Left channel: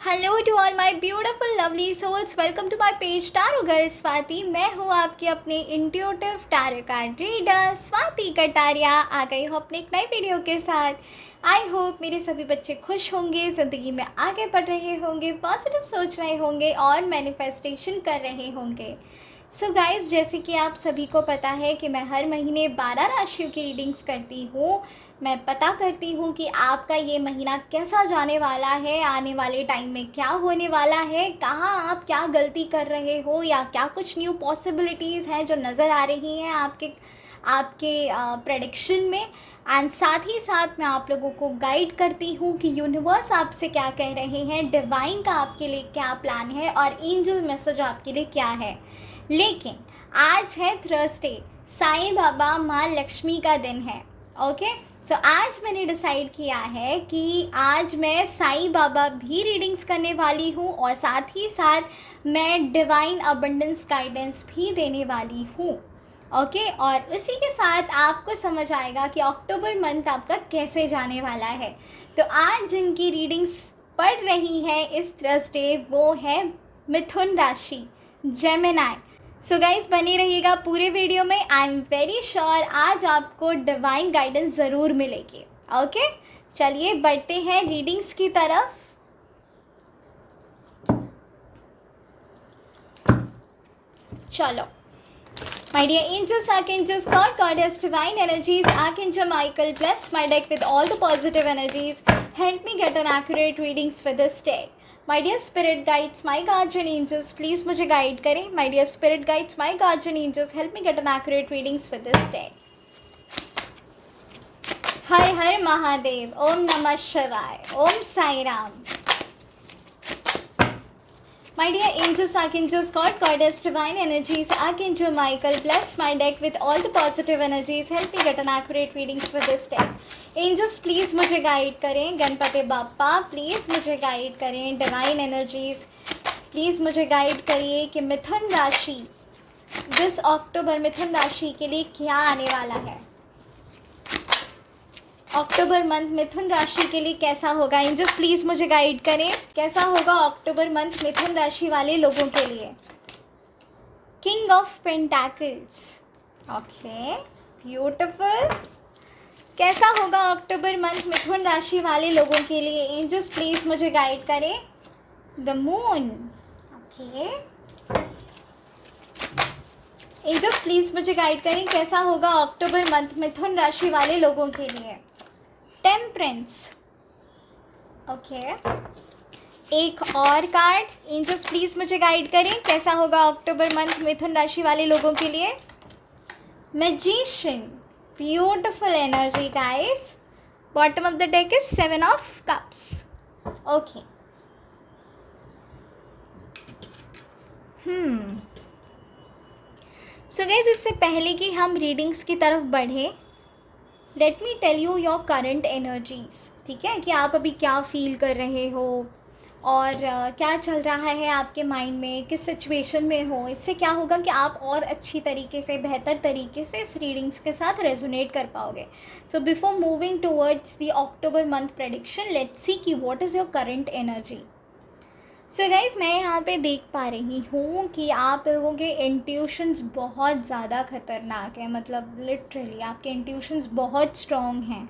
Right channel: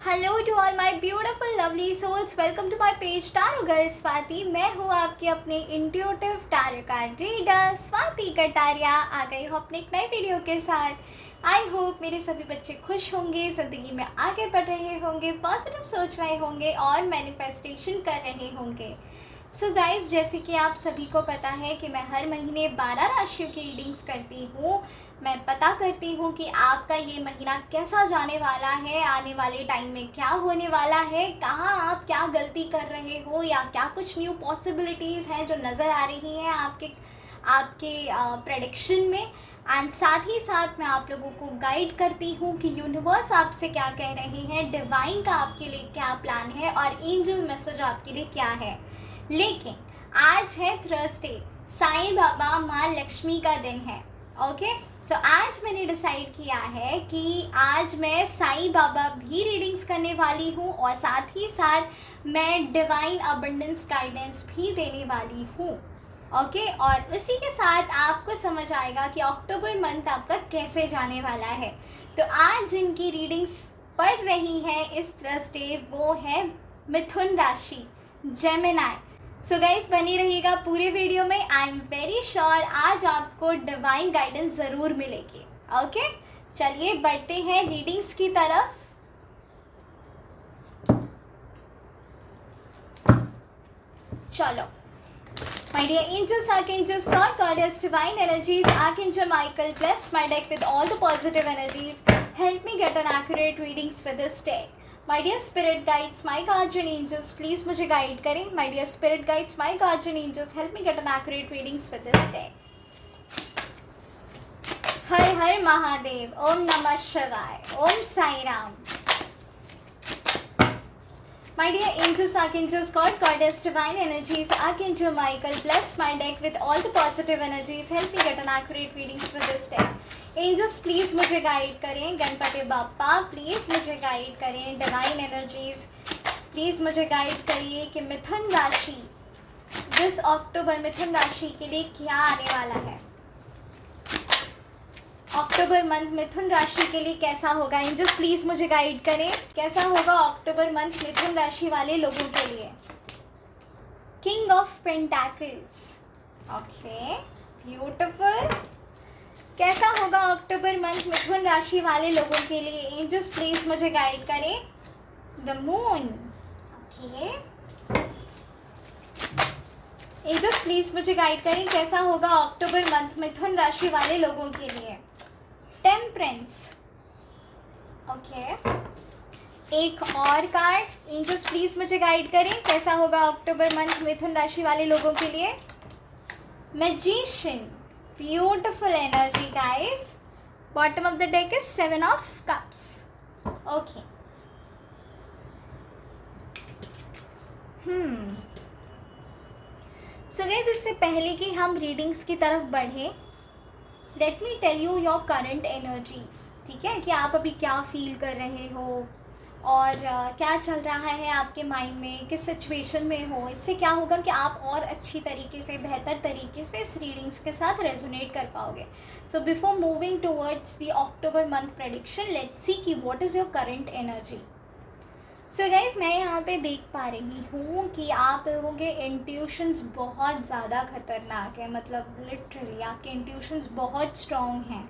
Hello to all my beautiful lovely souls, welcome to my page tarot girl Swati. मैं हूँ आपकी अपनी intuitive tarot card reader Swati Kataria. आ गई हूँ अपने एक नए वीडियो के साथ। आई होप मेरे सभी बच्चे खुश होंगे, ज़िंदगी में आगे बढ़ रहे होंगे, पॉजिटिव सोच रहे होंगे और मैनिफेस्टेशन कर रहे होंगे। सो गाइस, जैसे कि आप सभी को पता है कि मैं हर महीने 12 राशियों की रीडिंग्स करती हूँ। मैं पता करती हूँ कि आपका ये महीना कैसा जाने वाला है, आने वाले टाइम में क्या होने वाला है, कहाँ आप क्या गलती कर रहे हो या क्या कुछ न्यू पॉसिबिलिटीज़ हैं जो नज़र आ रही हैं आपके आपके प्रेडिक्शन में। एंड साथ ही साथ मैं आप लोगों को गाइड करती हूँ कि यूनिवर्स आपसे क्या कह रहे हैं, डिवाइन का आपके लिए क्या प्लान है और एंजल मैसेज आपके लिए क्या है। लेकिन आज है थर्सडे, साईं बाबा माँ लक्ष्मी का दिन है। ओके, सो आज मैंने डिसाइड किया है कि आज मैं साईं बाबा भी रीडिंग्स करने वाली हूँ और साथ ही साथ मैं डिवाइन अबंडेंस गाइडेंस भी देने वाली हूँ। ओके, और उसी के साथ आपको समझ आएगा कि अक्टूबर मंथ आपका कैसे जाने वाला है। तो आज जिनकी रीडिंग्स पढ़ रही है इस थर्सडे वो है मिथुन राशि, जेमिनाई। सो गाइस, बनी रहिएगा पूरे वीडियो में। आई एम वेरी श्योर आज आपको डिवाइन गाइडेंस ज़रूर मिलेगी। ओके, चलिए बढ़ते हैं रीडिंग्स की तरफ। चलो, my dear angels, archangels, God, goddess, divine energies, Archangel Michael, bless my deck with all the positive energies. Help me get an accurate readings for this day. My dear spirit guides, my guardian angels, please मुझे guide करें. My dear spirit guides, my guardian angels, help me get an accurate readings for this day. हर हर महादेव, ओम नमः शिवाय, Om Sai Ram. My dear angels, archangels, God, goddess, divine energies, Archangel Michael, bless my deck with all the positive energies. Help me get an accurate readings for this day. Angels, please मुझे guide करें. Ganpati Bappa, please मुझे guide करें. Divine energies, please मुझे guide करिए कि मिथुन राशि this October मिथुन राशि के लिए क्या आने वाला है। अक्टूबर मंथ मिथुन राशि के लिए कैसा होगा। एंजल्स प्लीज़ मुझे गाइड करें, कैसा होगा अक्टूबर मंथ मिथुन राशि वाले लोगों के लिए। King of pentacles, okay, beautiful. कैसा होगा अक्टूबर मंथ मिथुन राशि वाले लोगों के लिए। एंजल्स प्लीज़ मुझे गाइड करें। The moon, okay, angels please मुझे गाइड करें कैसा होगा अक्टूबर मंथ मिथुन राशि वाले लोगों के लिए। टेम्परेंस, ओके, एक और कार्ड। एंजल्स प्लीज मुझे गाइड करें कैसा होगा अक्टूबर मंथ मिथुन राशि वाले लोगों के लिए। Magician, beautiful energy guys. Bottom of the deck is 7 of cups. Okay, so guys, इससे पहले कि हम रीडिंग्स की तरफ बढ़े, let me tell you your current energies. ठीक है, कि आप अभी क्या फील कर रहे हो और क्या चल रहा है आपके माइंड में, किस सिचुएशन में हो। इससे क्या होगा कि आप और अच्छी तरीके से, बेहतर तरीके से इस रीडिंग्स के साथ रेजोनेट कर पाओगे। So before moving towards the October month prediction, let's see कि what is your current energy. So guys, मैं यहाँ पे देख पा रही हूँ कि आप लोगों के इंट्यूशंस बहुत ज़्यादा खतरनाक है। मतलब लिटरली आपके इंट्यूशंस बहुत स्ट्रॉन्ग हैं।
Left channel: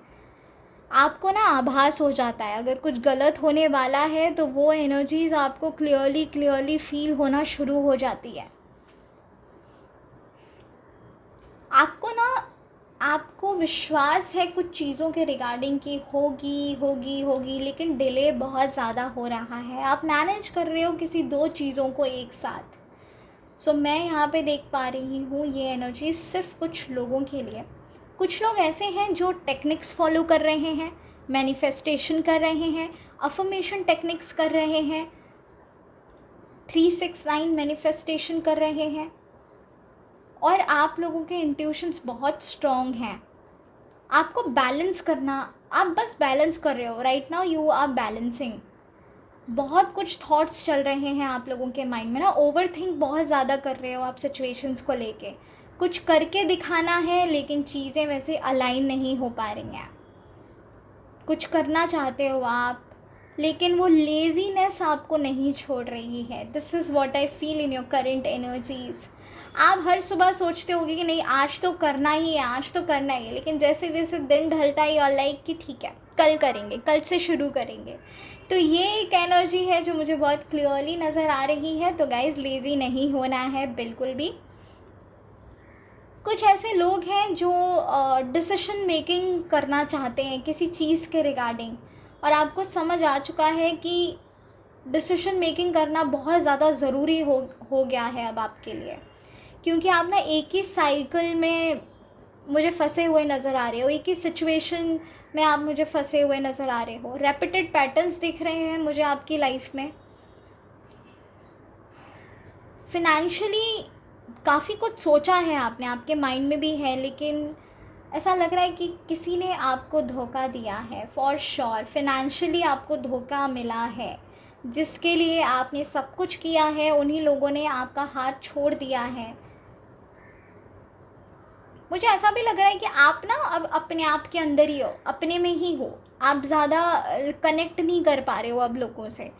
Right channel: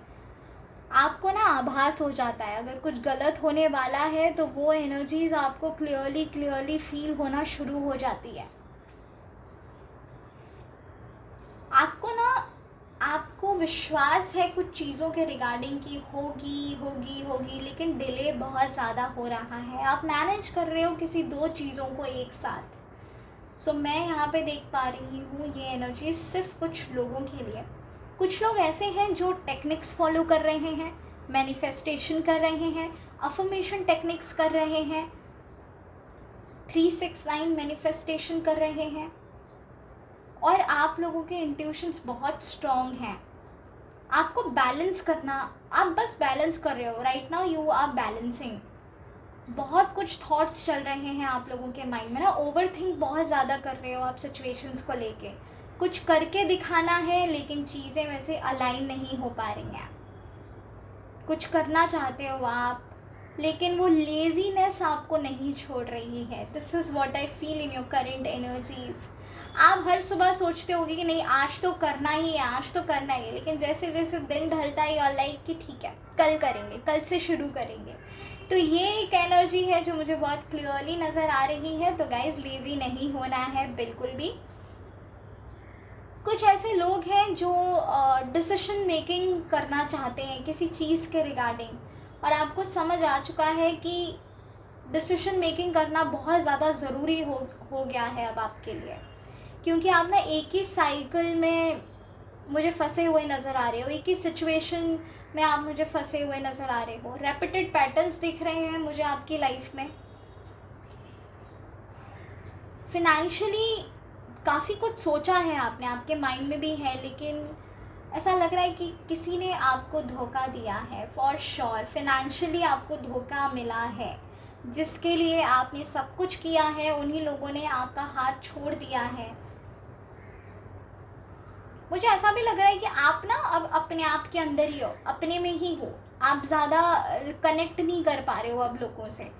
आपको ना आभास हो जाता है अगर कुछ गलत होने वाला है, तो वो एनर्जीज आपको क्लियरली फील होना शुरू हो जाती है। आपको विश्वास है कुछ चीज़ों के रिगार्डिंग कि होगी, लेकिन डिले बहुत ज़्यादा हो रहा है। आप मैनेज कर रहे हो किसी दो चीज़ों को एक साथ। सो मैं यहाँ पे देख पा रही हूँ ये एनर्जी सिर्फ कुछ लोगों के लिए। कुछ लोग ऐसे हैं जो टेक्निक्स फॉलो कर रहे हैं, मैनिफेस्टेशन कर रहे हैं, अफर्मेशन टेक्निक्स कर रहे हैं, 369 मैनिफेस्टेशन कर रहे हैं। और आप लोगों के इंट्यूशंस बहुत स्ट्रॉन्ग हैं। आपको बैलेंस करना, आप बस बैलेंस कर रहे हो। Right now you are balancing. बहुत कुछ थॉट्स चल रहे हैं आप लोगों के माइंड में ना, ओवर थिंक बहुत ज़्यादा कर रहे हो आप सिचुएशंस को लेके। कुछ करके दिखाना है लेकिन चीज़ें वैसे अलाइन नहीं हो पा रही हैं। कुछ करना चाहते हो आप, लेकिन वो लेज़ीनेस आपको नहीं छोड़ रही है। This is what I feel in your current energies. आप हर सुबह सोचते होगे कि नहीं आज तो करना ही है, आज तो करना ही है, लेकिन जैसे जैसे दिन ढलता है यू आर लाइक कि ठीक है कल करेंगे, कल से शुरू करेंगे। तो ये एक एनर्जी है जो मुझे बहुत क्लियरली नज़र आ रही है। तो गाइज लेज़ी नहीं होना है बिल्कुल भी। कुछ ऐसे लोग हैं जो डिसीजन मेकिंग करना चाहते हैं किसी चीज़ के रिगार्डिंग, और आपको समझ आ चुका है कि डिसीजन मेकिंग करना बहुत ज़्यादा ज़रूरी हो गया है अब आपके लिए, क्योंकि आप ना एक ही साइकिल में मुझे फंसे हुए नज़र आ रहे हो, एक ही सिचुएशन में आप मुझे फंसे हुए नज़र आ रहे हो। रेपिटेड पैटर्न्स दिख रहे हैं मुझे आपकी लाइफ में। फिनेंशियली काफ़ी कुछ सोचा है आपने, आपके माइंड में भी है, लेकिन ऐसा लग रहा है कि किसी ने आपको धोखा दिया है। फॉर श्योर फिनेंशियली आपको धोखा मिला है, जिसके लिए आपने सब कुछ किया है, उन्हीं लोगों ने आपका हाथ छोड़ दिया है। मुझे ऐसा भी लग रहा है कि आप ना अब अपने आप के अंदर ही हो, अपने में ही हो, आप ज़्यादा कनेक्ट नहीं कर पा रहे हो अब लोगों से।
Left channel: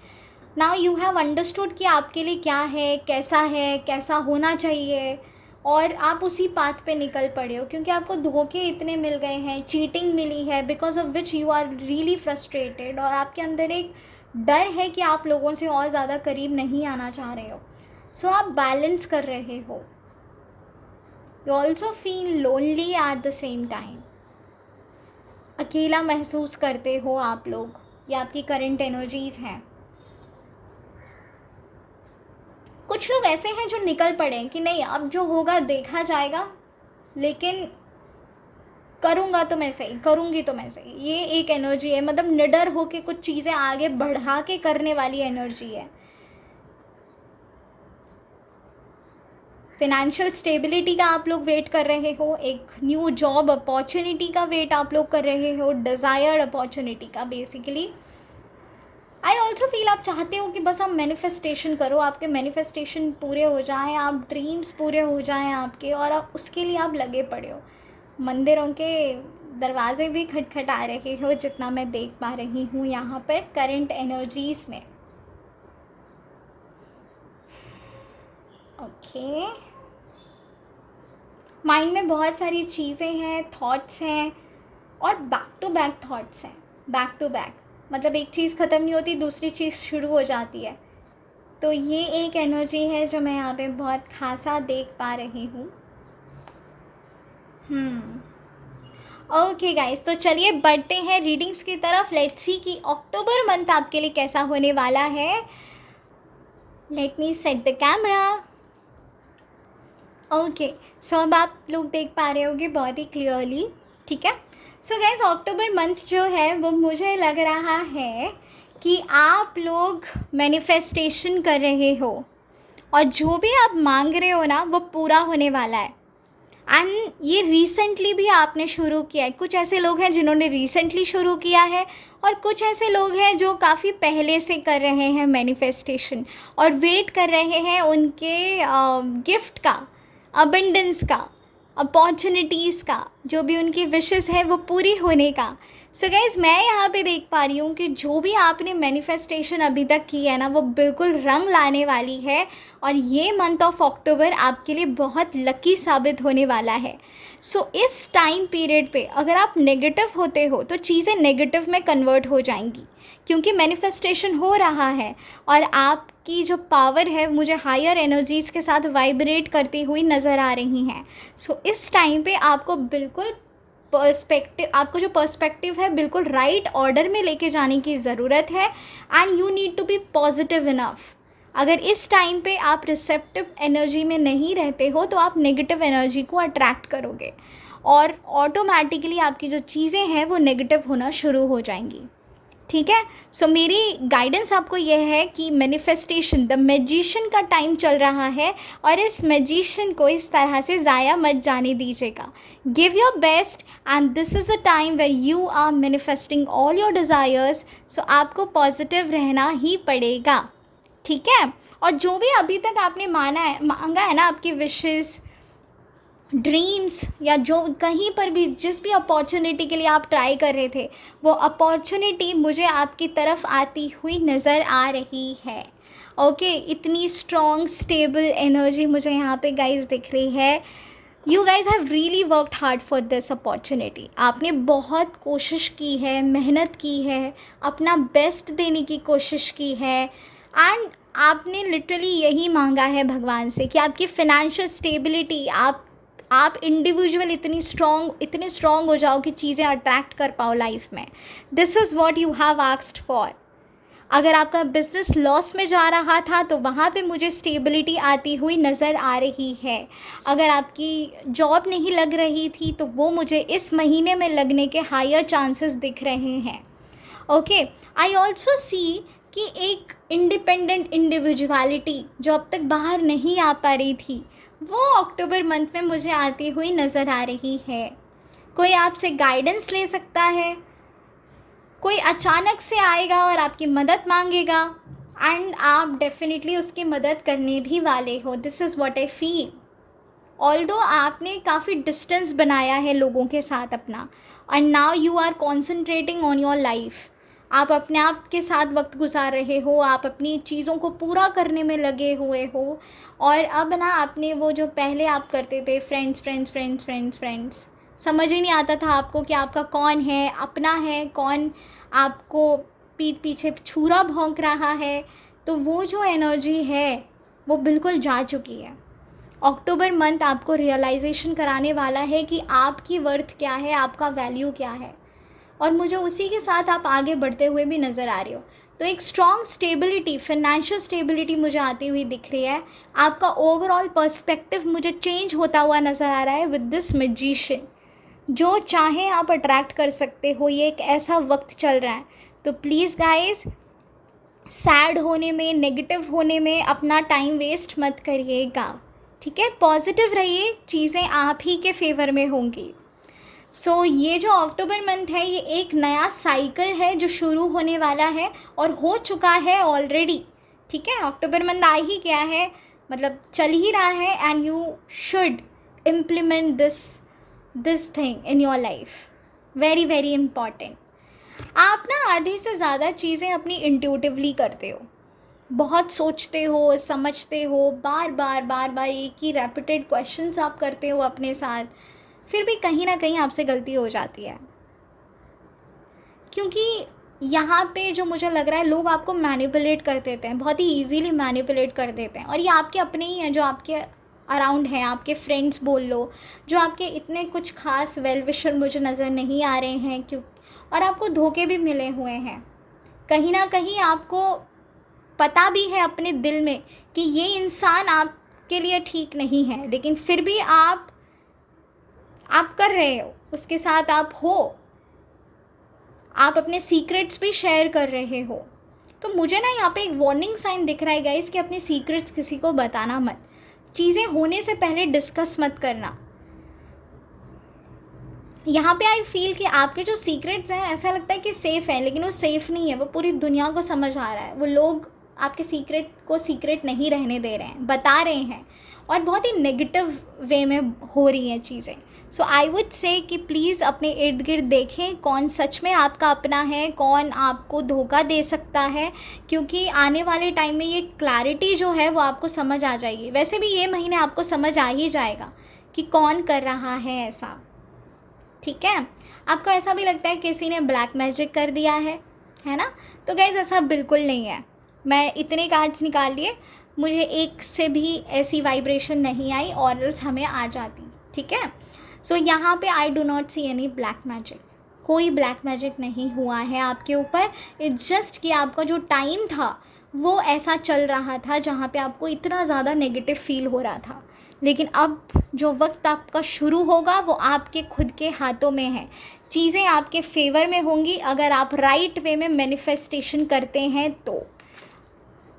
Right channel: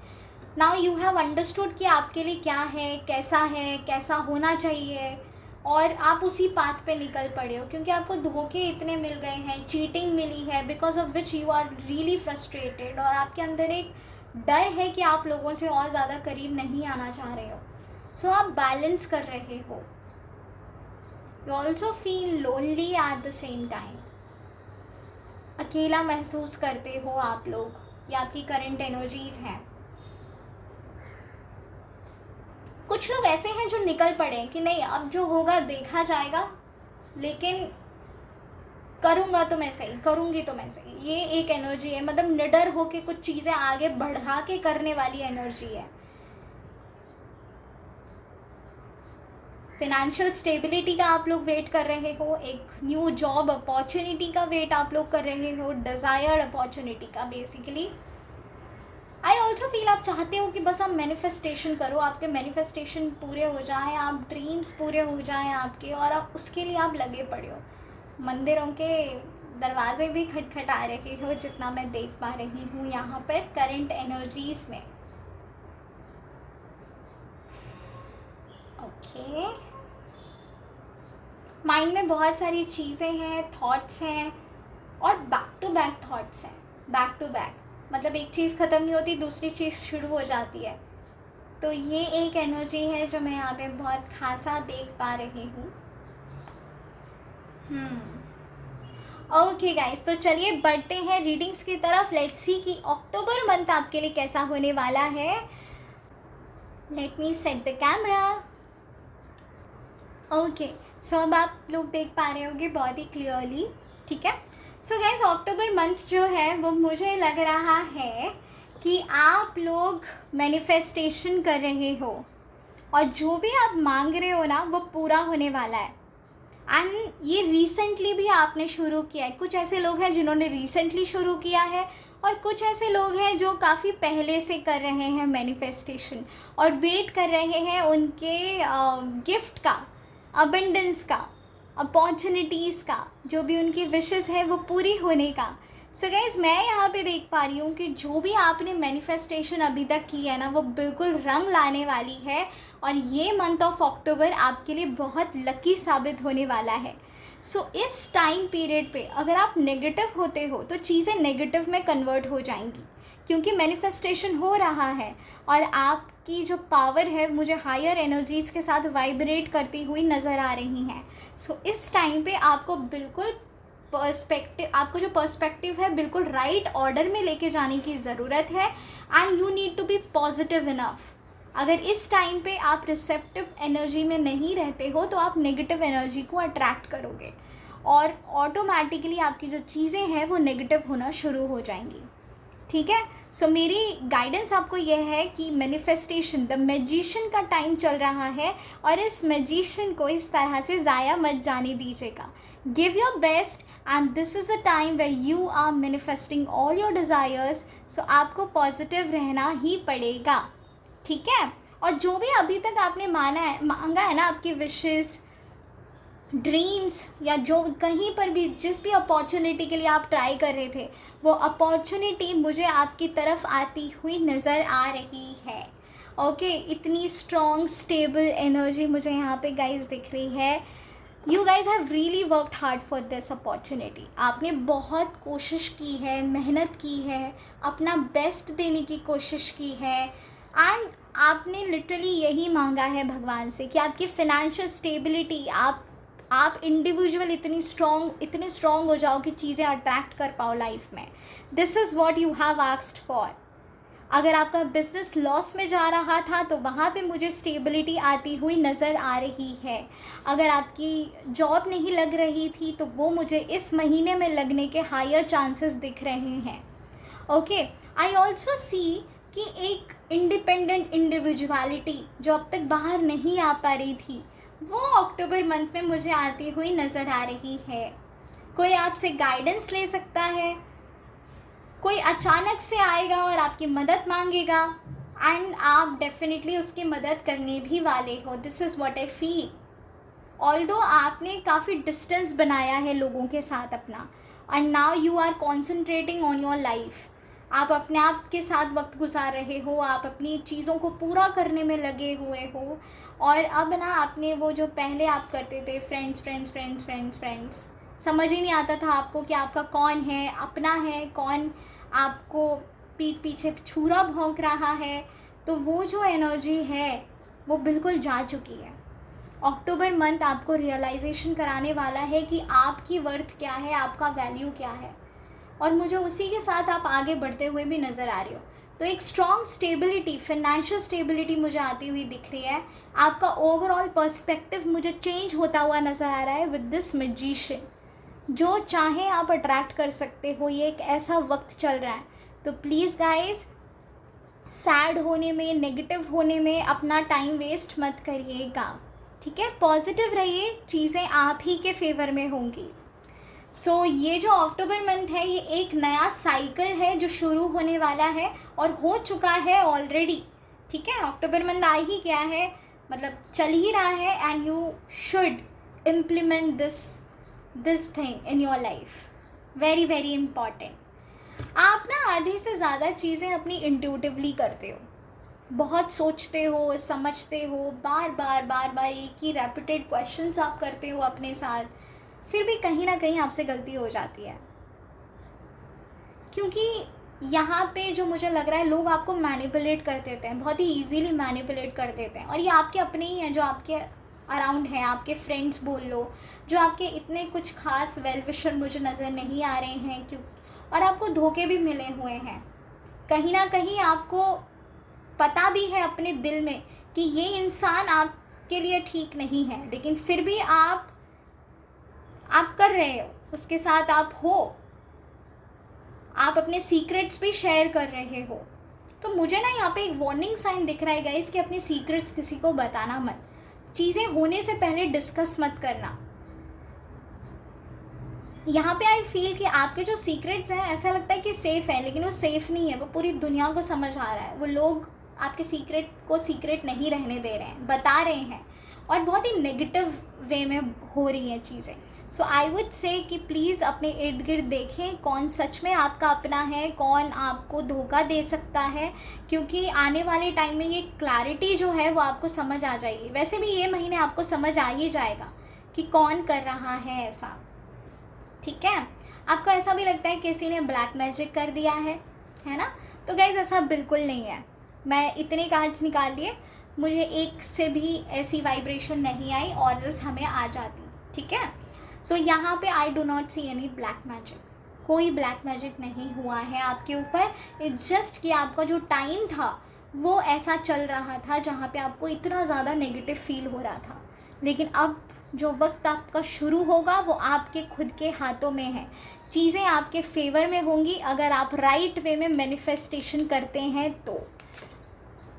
नाउ यू हैव अंडरस्टूड कि आपके लिए क्या है, कैसा होना चाहिए, और आप उसी पाथ पे निकल पड़े हो, क्योंकि आपको धोखे इतने मिल गए हैं, चीटिंग मिली है, because of which you are really frustrated, और आपके अंदर एक डर है कि आप लोगों से और ज़्यादा करीब नहीं आना चाह रहे हो। सो आप बैलेंस कर रहे हो। You also feel lonely at the same time. अकेला महसूस करते हो आप लोग, ये आपकी करंट एनर्जीज़ हैं। कुछ लोग ऐसे हैं जो निकल पड़े कि नहीं अब जो होगा देखा जाएगा, लेकिन करूँगा तो मैं सही, करूँगी तो मैं सही। ये एक एनर्जी है, मतलब निडर होके कुछ चीज़ें आगे बढ़ा के करने वाली एनर्जी है। फिनेंशियल स्टेबिलिटी का आप लोग वेट कर रहे हो, एक न्यू जॉब अपॉर्चुनिटी का वेट आप लोग कर रहे हो, डिज़ायर्ड अपॉर्चुनिटी का। बेसिकली आई ऑल्सो फील आप चाहते हो कि बस आप मैनिफेस्टेशन करो, आपके मैनिफेस्टेशन पूरे हो जाएं, आप ड्रीम्स पूरे हो जाएं आपके, और आप उसके लिए आप लगे पड़े हो। मंदिरों के दरवाजे भी खटखटा रहे हो, जितना मैं देख पा रही हूँ यहाँ पर करंट एनर्जीज़ में। ओके, माइंड में बहुत सारी चीज़ें हैं, थॉट्स हैं, और बैक टू बैक थॉट्स हैं, बैक टू बैक, मतलब एक चीज़ ख़त्म नहीं होती दूसरी चीज़ शुरू हो जाती है। तो ये एक एनर्जी है जो मैं यहाँ पे बहुत खासा देख पा रही हूँ। ओके गाइस, तो चलिए बढ़ते हैं रीडिंग्स की तरफ। लेट्स सी कि अक्टूबर मंथ आपके लिए कैसा होने वाला है। Let me set the camera. Okay, so अब आप लोग देख पा रहे होंगे बहुत ही क्लियरली, ठीक है। सो गाइस, अक्टूबर मंथ जो है वो मुझे लग रहा है कि आप लोग मैनिफेस्टेशन कर रहे हो, और जो भी आप मांग रहे हो ना वो पूरा होने वाला है। एंड ये रिसेंटली भी आपने शुरू किया है। कुछ ऐसे लोग हैं जिन्होंने रिसेंटली शुरू किया है, और कुछ ऐसे लोग हैं जो काफ़ी पहले से कर रहे हैं मैनिफेस्टेशन, और वेट कर रहे हैं उनके गिफ्ट का, अबंडेंस का, अपॉर्चुनिटीज़ का, जो भी उनकी विशेस है वो पूरी होने का। सो गाइज, मैं यहाँ पे देख पा रही हूँ कि जो भी आपने मैनिफेस्टेशन अभी तक की है ना वो बिल्कुल रंग लाने वाली है, और ये मंथ ऑफ अक्टूबर आपके लिए बहुत लकी साबित होने वाला है। सो इस टाइम पीरियड पे अगर आप नेगेटिव होते हो तो चीज़ें नेगेटिव में कन्वर्ट हो जाएंगी, क्योंकि मैनिफेस्टेशन हो रहा है, और आपकी जो पावर है मुझे हायर एनर्जीज़ के साथ वाइब्रेट करती हुई नज़र आ रही हैं। सो इस टाइम पे आपको बिल्कुल आपको जो पर्सपेक्टिव है बिल्कुल राइट ऑर्डर में लेके जाने की ज़रूरत है, and you need to be positive enough. अगर इस टाइम पे आप रिसेप्टिव एनर्जी में नहीं रहते हो तो आप नेगेटिव एनर्जी को अट्रैक्ट करोगे, और ऑटोमेटिकली आपकी जो चीज़ें हैं वो नेगेटिव होना शुरू हो जाएंगी, ठीक है। सो मेरी गाइडेंस आपको यह है कि मैनिफेस्टेशन, द मैजिशियन का टाइम चल रहा है, और इस मैजिशियन को इस तरह से ज़ाया मत जाने दीजिएगा। Give your best, and this is the time where you are manifesting all your desires. So आपको पॉजिटिव रहना ही पड़ेगा, ठीक है। और जो भी अभी तक आपने मांगा है ना, आपकी विशेज़, ड्रीम्स या जो कहीं पर भी जिस भी अपॉर्चुनिटी के लिए आप ट्राई कर रहे थे, वो अपॉर्चुनिटी मुझे आपकी तरफ आती हुई नज़र आ रही है। ओके, इतनी स्ट्रॉन्ग स्टेबल एनर्जी मुझे यहाँ पे गाइस दिख रही है। You guys have really worked hard for this opportunity. आपने बहुत कोशिश की है, मेहनत की है, अपना बेस्ट देने की कोशिश की है, एंड आपने लिटरली यही मांगा है भगवान से कि आपकी फिनेंशियल स्टेबिलिटी, आप इंडिविजुअल इतने स्ट्रॉन्ग हो जाओ कि चीज़ें अट्रैक्ट कर पाओ लाइफ में। This is what you have asked for. अगर आपका बिजनेस लॉस में जा रहा था तो वहाँ पे मुझे स्टेबिलिटी आती हुई नज़र आ रही है। अगर आपकी जॉब नहीं लग रही थी तो वो मुझे इस महीने में लगने के हायर चांसेस दिख रहे हैं। ओके, आई ऑल्सो सी कि एक इंडिपेंडेंट इंडिविजुअलिटी जो अब तक बाहर नहीं आ पा रही थी, वो अक्टूबर मंथ में मुझे आती हुई नज़र आ रही है। कोई आपसे गाइडेंस ले सकता है, कोई अचानक से आएगा और आपकी मदद मांगेगा, एंड आप डेफिनेटली उसकी मदद करने भी वाले हो। This is what I feel. Although आपने काफ़ी डिस्टेंस बनाया है लोगों के साथ अपना, and now you are concentrating on your life. आप अपने आप के साथ वक्त गुजार रहे हो, आप अपनी चीज़ों को पूरा करने में लगे हुए हो, और अब ना आपने वो जो पहले आप करते थे friends friends friends friends friends, समझ ही नहीं आता था आपको कि आपका कौन है, अपना है कौन, आपको पीठ पीछे छुरा भौंक रहा है। तो वो जो एनर्जी है वो बिल्कुल जा चुकी है। अक्टूबर मंथ आपको रियलाइजेशन कराने वाला है कि आपकी वर्थ क्या है, आपका वैल्यू क्या है, और मुझे उसी के साथ आप आगे बढ़ते हुए भी नज़र आ रहे हो। तो एक स्ट्रॉन्ग स्टेबिलिटी, फिनेंशियल स्टेबिलिटी मुझे आती हुई दिख रही है। आपका ओवरऑल पर्सपेक्टिव मुझे चेंज होता हुआ नज़र आ रहा है विद दिस मैजिशियन। जो चाहे आप अट्रैक्ट कर सकते हो, ये एक ऐसा वक्त चल रहा है। तो प्लीज़ गाइस, सैड होने में, नेगेटिव होने में अपना टाइम वेस्ट मत करिएगा, ठीक है। पॉजिटिव रहिए, चीज़ें आप ही के फेवर में होंगी। सो ये जो अक्टूबर मंथ है, ये एक नया साइकिल है जो शुरू होने वाला है और हो चुका है ऑलरेडी, ठीक है। अक्टूबर मंथ आ ही गया है, मतलब चल ही रहा है, and you should implement this thing in your life. Very very important. आप ना आधी से ज़्यादा चीज़ें अपनी इंट्यूटिवली करते हो, बहुत सोचते हो, समझते हो, बार बार बार बार एक ही रेपिटेड क्वेश्चंस आप करते हो अपने साथ, फिर भी कहीं ना कहीं आपसे गलती हो जाती है। क्योंकि यहाँ पे जो मुझे लग रहा है, लोग आपको मैनिपुलेट कर देते हैं, बहुत ही इजीली मैनिपुलेट कर देते हैं, और ये आपके अपने ही हैं जो आपके अराउंड हैं, आपके फ्रेंड्स बोल लो, जो आपके इतने कुछ खास वेल विशर मुझे नज़र नहीं आ रहे हैं, क्यों, और आपको धोखे भी मिले हुए हैं। कहीं ना कहीं आपको पता भी है अपने दिल में कि ये इंसान आपके लिए ठीक नहीं है, लेकिन फिर भी आप कर रहे हो, उसके साथ आप हो, आप अपने सीक्रेट्स भी शेयर कर रहे हो। तो मुझे ना यहाँ पे एक वार्निंग साइन दिख रहा है गाइस कि अपने सीक्रेट्स किसी को बताना मत, चीज़ें होने से पहले डिस्कस मत करना। यहाँ पे आई फील कि आपके जो सीक्रेट्स हैं, ऐसा लगता है कि सेफ़ हैं, लेकिन वो सेफ़ नहीं है, वो पूरी दुनिया को समझ आ रहा है। वो लोग आपके सीक्रेट को सीक्रेट नहीं रहने दे रहे हैं, बता रहे हैं, और बहुत ही नेगेटिव वे में हो रही हैं चीज़ें। सो आई वुड से कि प्लीज़ अपने इर्द गिर्द देखें कौन सच में आपका अपना है, कौन आपको धोखा दे सकता है, क्योंकि आने वाले टाइम में ये क्लैरिटी जो है वो आपको समझ आ जाएगी। वैसे भी ये महीने आपको समझ आ ही जाएगा कि कौन कर रहा है ऐसा, ठीक है। आपको ऐसा भी लगता है किसी ने ब्लैक मैजिक कर दिया है ना? तो गाइज ऐसा बिल्कुल नहीं है। मैं इतने कार्ड्स निकाल लिए, मुझे एक से भी ऐसी वाइब्रेशन नहीं आई, और एल्स हमें आ जाती, ठीक है। सो यहाँ पे I do not see any black magic. कोई ब्लैक मैजिक नहीं हुआ है आपके ऊपर। इट्स जस्ट कि आपका जो टाइम था वो ऐसा चल रहा था जहाँ पे आपको इतना ज़्यादा नेगेटिव फील हो रहा था, लेकिन अब जो वक्त आपका शुरू होगा वो आपके खुद के हाथों में है। चीज़ें आपके फेवर में होंगी अगर आप राइट वे में मैनिफेस्टेशन करते हैं। तो